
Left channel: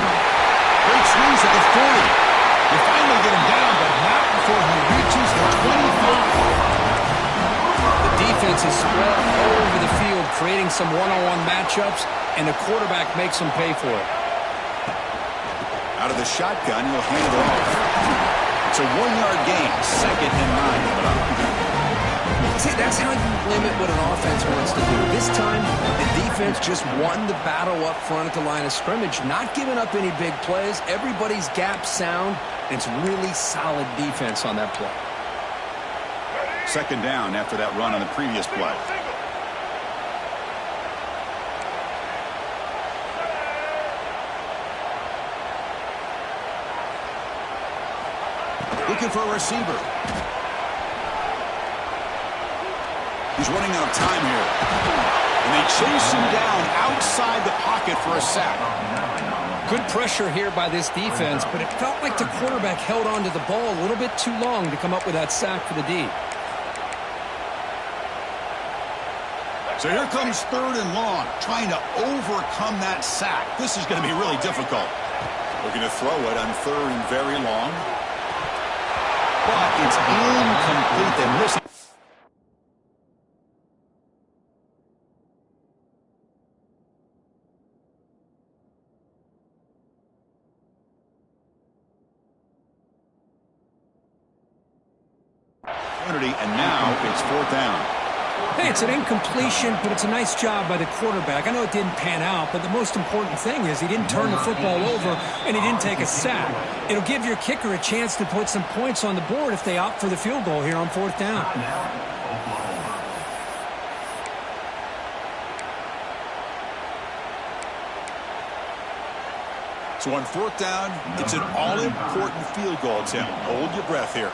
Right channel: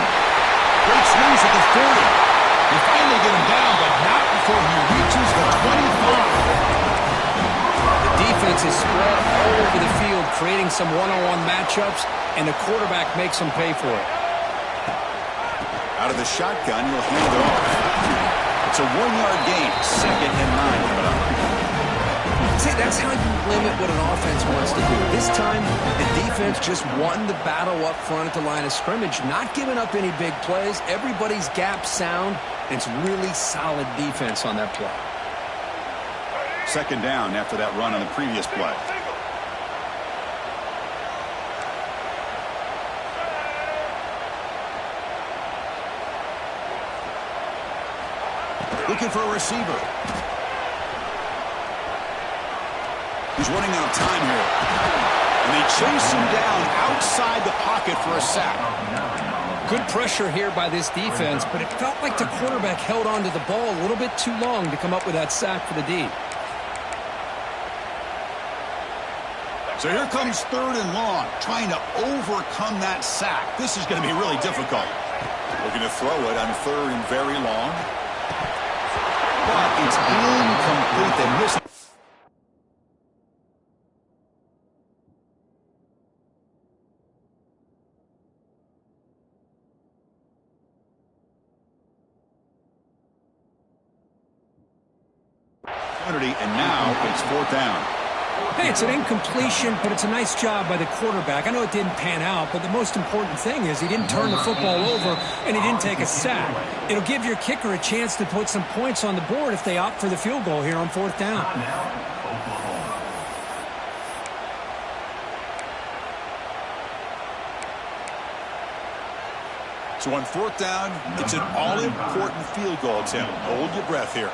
Great swings at the 40. They finally get him down, but not before he reaches the 25. The defense is spread all over the field, creating some one-on-one matchups, and the quarterback makes them pay for it. Out of the shotgun, he'll hand it off. It's a 1-yard gain. 2nd and 9 coming up. See, that's how you limit what an offense wants to do. This time, the defense just won the battle up front at the line of scrimmage, not giving up any big plays. Everybody's gap sound, and it's really solid defense on that play. 2nd down after that run on the previous play. Looking for a receiver. He's running out of time here. And they chase him down outside the pocket for a sack. Good pressure here by this defense, but it felt like the quarterback held onto the ball a little bit too long to come up with that sack for the D. So here comes 3rd and long, trying to overcome that sack. This is going to be really difficult. Looking to throw it on 3rd and very long. But it's incomplete. They miss it. And now it's 4th down. Hey, it's an incompletion, but it's a nice job by the quarterback. I know it didn't pan out, but the most important thing is he didn't turn the football over and he didn't take a sack. It'll give your kicker a chance to put some points on the board if they opt for the field goal here on 4th down. So on 4th down, it's an all-important field goal attempt. Hold your breath here.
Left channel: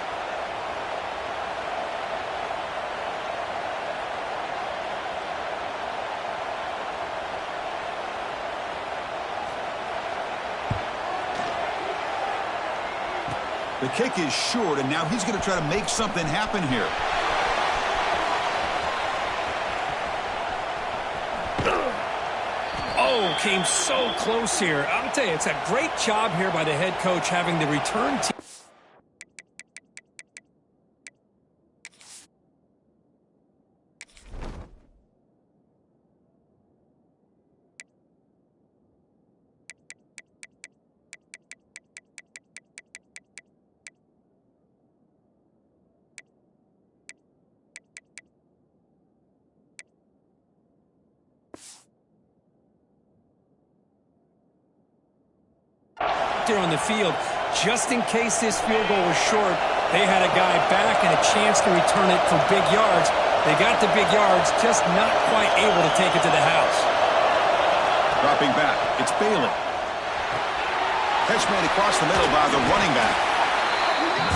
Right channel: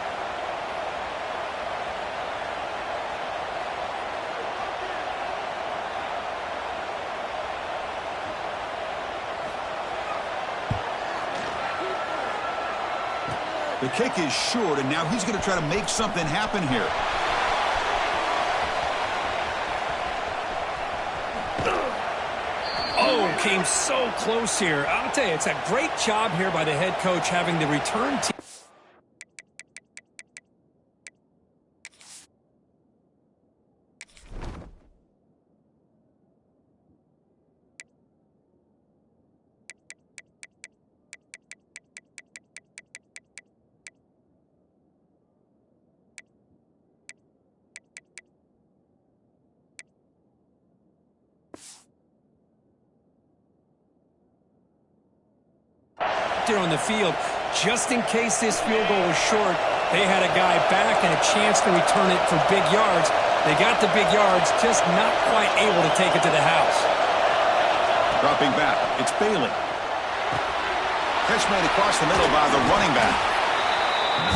The kick is short, and now he's going to try to make something happen here. came so close here. I'll tell you, it's a great job here by the head coach having the return team. There on the field, just in case this field goal was short, they had a guy back and a chance to return it for big yards. They got the big yards, just not quite able to take it to the house. Dropping back, it's Bailey. Catch made across the middle by the running back.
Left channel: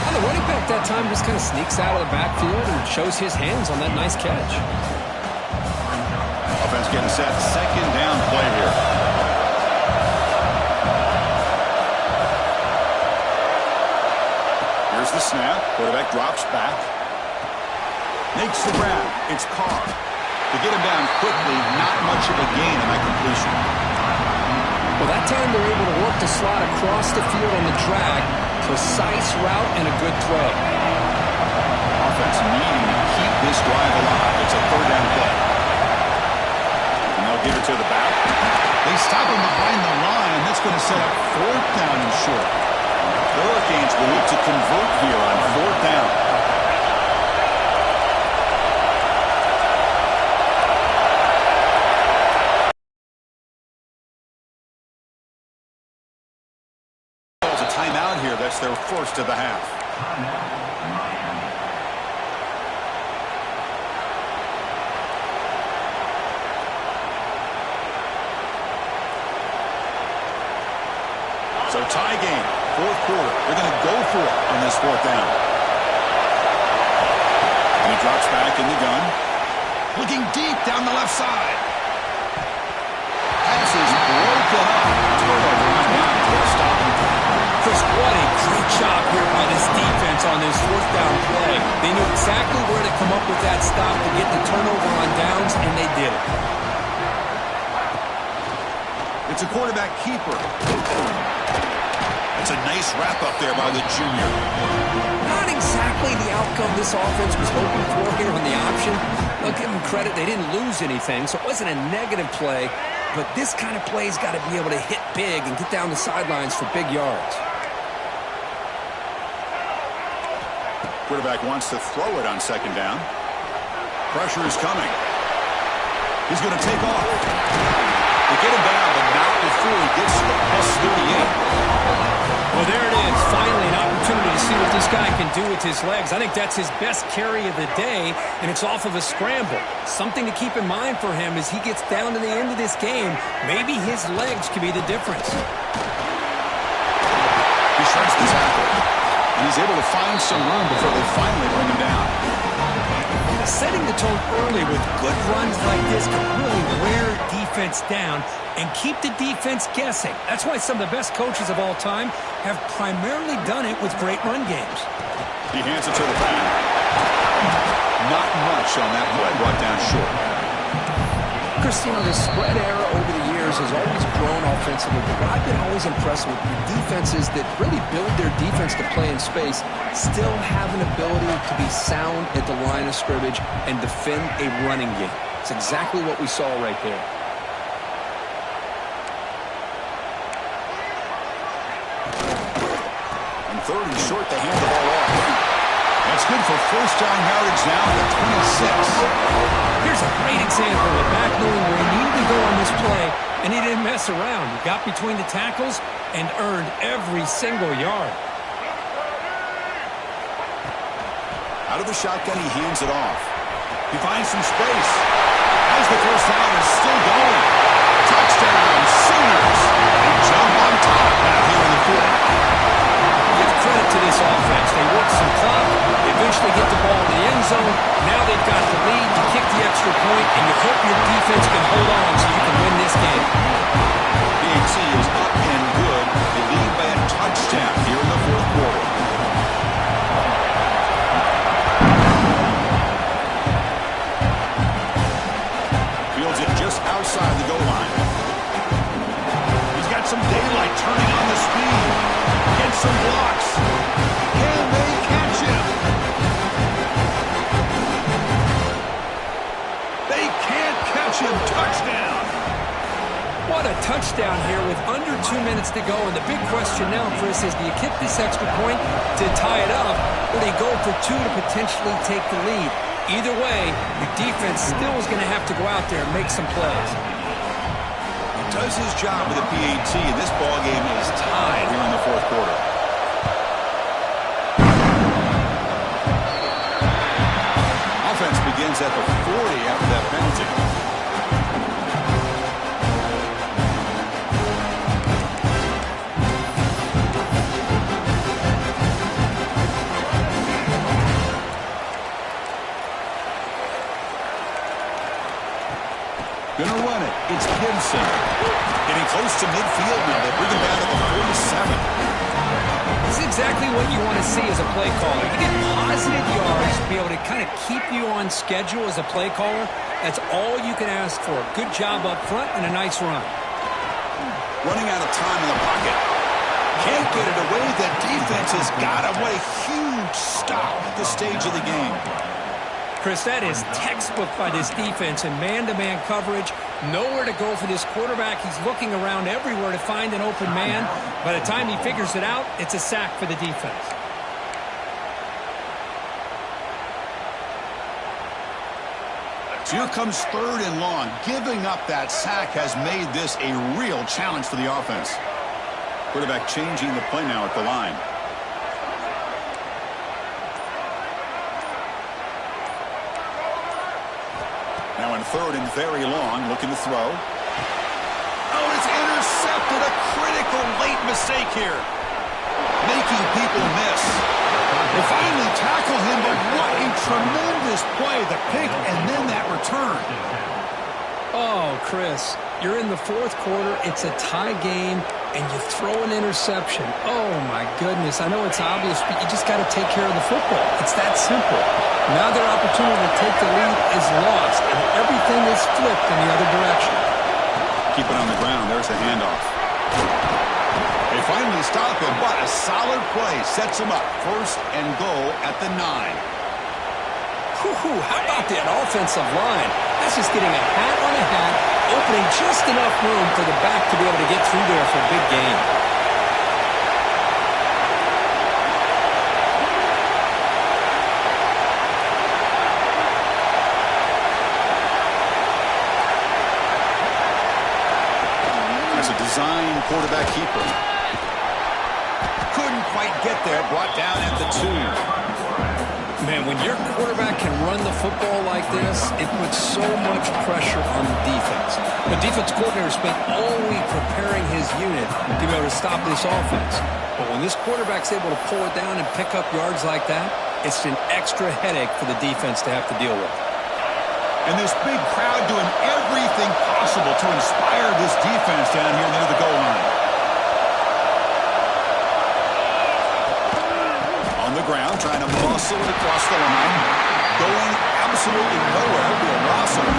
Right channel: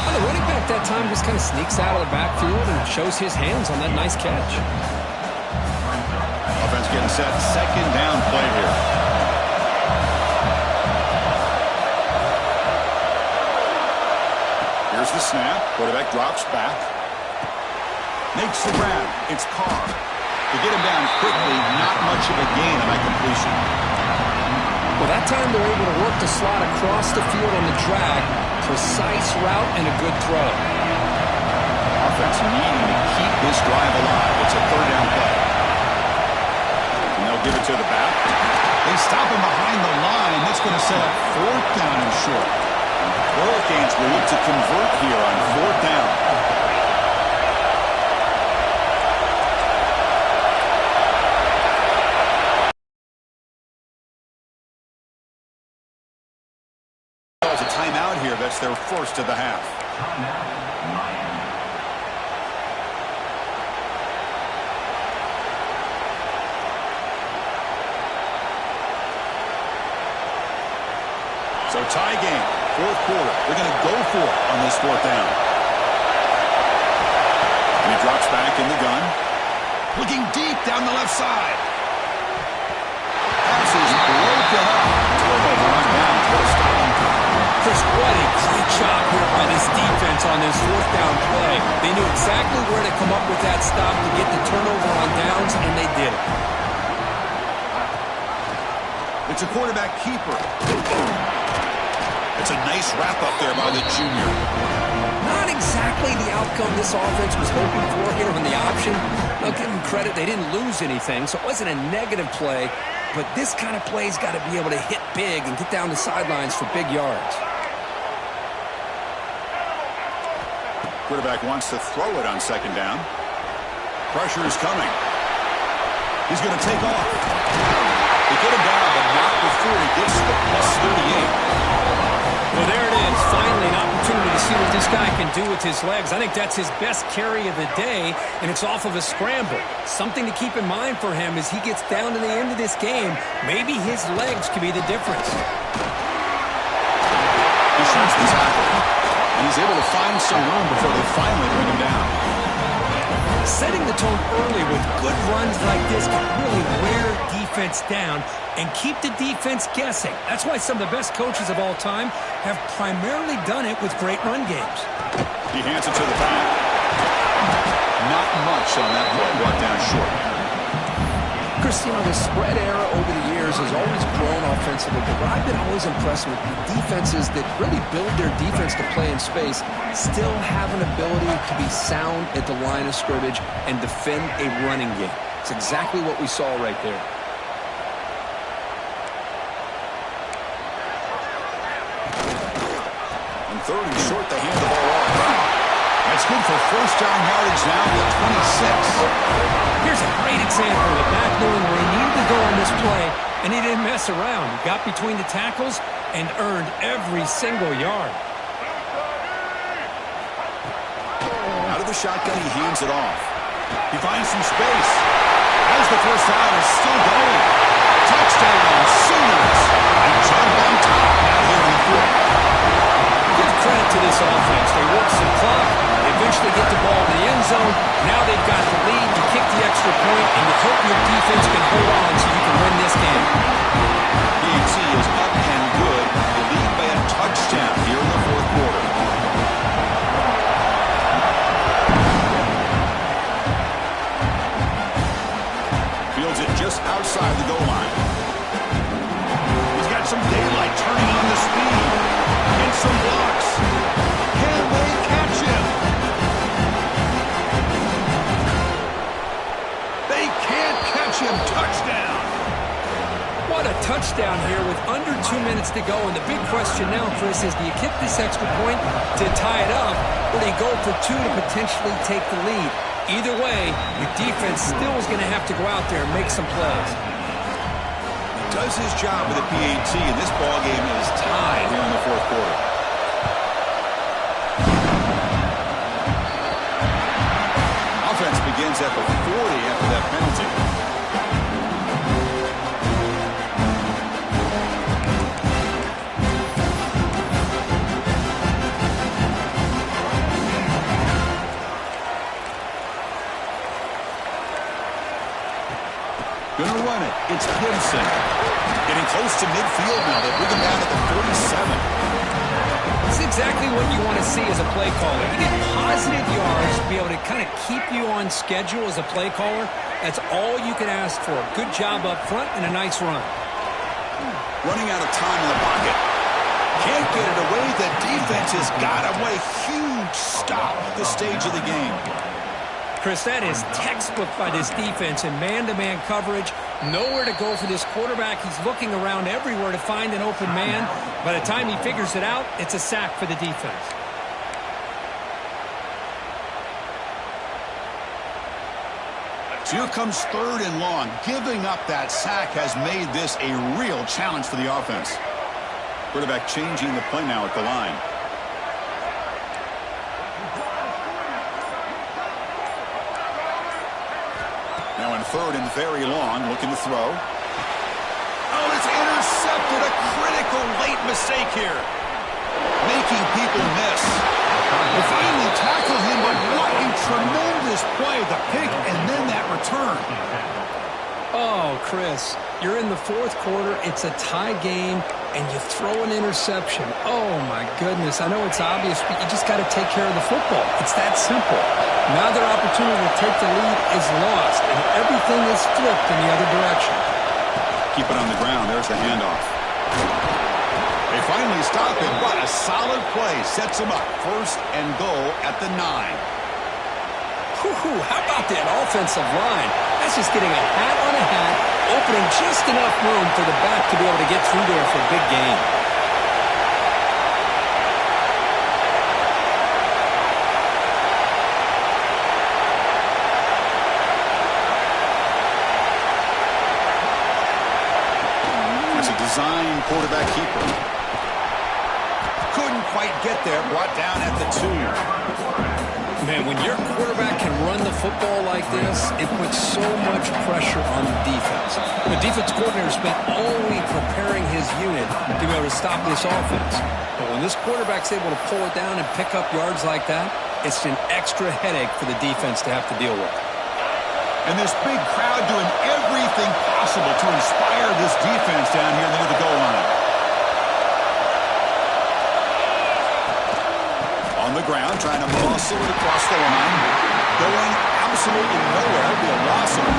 Well, the running back that time just kind of sneaks out of the backfield and shows his hands on that nice catch. Offense getting set, second down play here. Here's the snap. Quarterback drops back. Makes the grab. It's Carr. To get him down quickly, not much of a gain on that completion. Well, that time they're able to work the slot across the field on the drag. Precise route and a good throw. Offense needing to keep this drive alive. It's a third down play. And they'll give it to the back. They stop him behind the line. That's going to set up fourth down and short. The Hurricanes will look to convert here on fourth down. Calls a timeout here. That's their first of the half. So tie game, fourth quarter. They're going to go for it on this fourth down. And he drops back in the gun. Looking deep down the left side. Pass is broken up. Turnover on downs. What a stopping time. Chris, what a great job here by this defense on this fourth down play. They knew exactly where to come up with that stop to get the turnover on downs, and they did it. It's a quarterback keeper. It's a nice wrap-up there by the junior. Not exactly the outcome this offense was hoping for here on the option. I'll give them credit. They didn't lose anything, so it wasn't a negative play. But this kind of play's got to be able to hit big and get down the sidelines for big yards. Quarterback wants to throw it on second down. Pressure is coming. He's going to take off. They get him down, but not before he gets to the plus 38. Well, there it is. Finally, an opportunity to see what this guy can do with his legs. I think that's his best carry of the day, and it's off of a scramble. Something to keep in mind for him as he gets down to the end of this game. Maybe his legs could be the difference. He shrinks the tackle, and he's able to find some room before they finally bring him down. Setting the tone early with good runs like this can really wear defense down and keep the defense guessing. That's why some of the best coaches of all time have primarily done it with great run games. He hands it to the back. Not much on that play, brought down short. Chris, you know, the spread era over the years has always grown offensively, but what I've been always impressed with the defenses that really build their defense to play in space still have an ability to be sound at the line of scrimmage and defend a running game. It's exactly what we saw right there. And third and short, they hand the ball off. That's good for first down yardage now at the 26. Here's a great example of back knowing where he needed to go on this play, and he didn't mess around. He got between the tackles and earned every single yard. Out of the shotgun, he hands it off. He finds some space. As the first down is still going. Touchdown, Sooners. They jump on top now here in the fourth. Give credit to this offense. They work some clock. They eventually get the ball in the end zone. Now they've got the lead. You kick the extra point, and you hope your defense can hold on so you can win this game. PAT is up and good. They lead by a touchdown here in the fourth quarter. Fields it just outside the goal line. some daylight, turning on the speed. Gets some blocks. Can they catch him? They can't catch him. Touchdown. What a touchdown here with under 2 minutes to go. And the big question now, Chris, is do you kick this extra point to tie it up, or do you go for 2 to potentially take the lead? Either way, your defense still is going to have to go out there and make some plays. He does his job with a PAT, and this ball game is tied here in the fourth quarter. Offense begins at the 40 after that penalty. Gonna run it. It's Gibson. Getting close to midfield now. They bring him down at the 47. This is exactly what you want to see as a play caller. You get positive yards to be able to kind of keep you on schedule as a play caller. That's all you can ask for. Good job up front and a nice run. Running out of time in the pocket. Can't get it away. The defense has got him. What a huge stop at this stage of the game. Chris, that is textbook by this defense in man-to-man coverage. Nowhere to go for this quarterback. He's looking around everywhere to find an open man. By the time he figures it out, it's a sack for the defense. Here comes 3rd and long. Giving up that sack has made this a real challenge for the offense. Quarterback changing the play now at the line. Now in 3rd and very long, looking to throw. Oh, it's intercepted. A critical late mistake here. Making people miss. They finally tackle him, but what a tremendous play. The pick and then that return. Oh, Chris, you're in the fourth quarter. It's a tie game, and you throw an interception. Oh, my goodness. I know it's obvious, but you just got to take care of the football. It's that simple. Now their opportunity to take the lead is lost, and everything is flipped in the other direction. Keep it on the ground. There's the handoff. They finally stop him, but a solid play sets him up. 1st and goal at the 9. Whew, how about that offensive line? That's just getting a hat on a hat, opening just enough room for the back to be able to get through there for a big gain. That's a design quarterback keeper. Couldn't quite get there, brought down at the 2. Man, when your quarterback can run the football like this, it puts so much pressure on the defense. The defense coordinator spent all week preparing his unit to be able to stop this offense. But when this quarterback's able to pull it down and pick up yards like that, it's an extra headache for the defense to have to deal with. And this big crowd doing everything possible to inspire this defense down here near the goal line. On the ground, trying to muscle it across the line. Going absolutely nowhere. That would be a loss of it.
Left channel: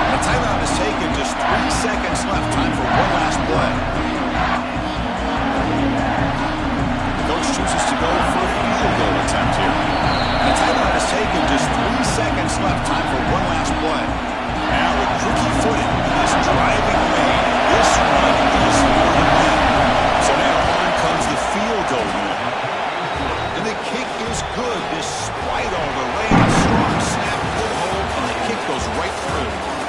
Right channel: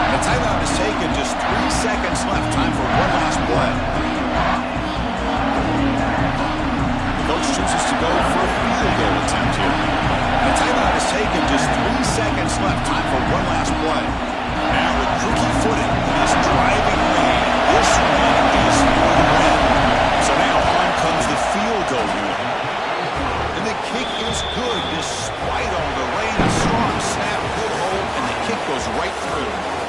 The timeout is taken. Just 3 seconds left. Time for one last play. The coach chooses to go for a field goal attempt here. The timeout is taken. Just 3 seconds left. Time for one last play. Now with rookie footing in this driving rain, this one is for the win. So now on comes the field goal unit. And the kick is good despite all the rain. A strong snap, good hold, and the kick goes right through.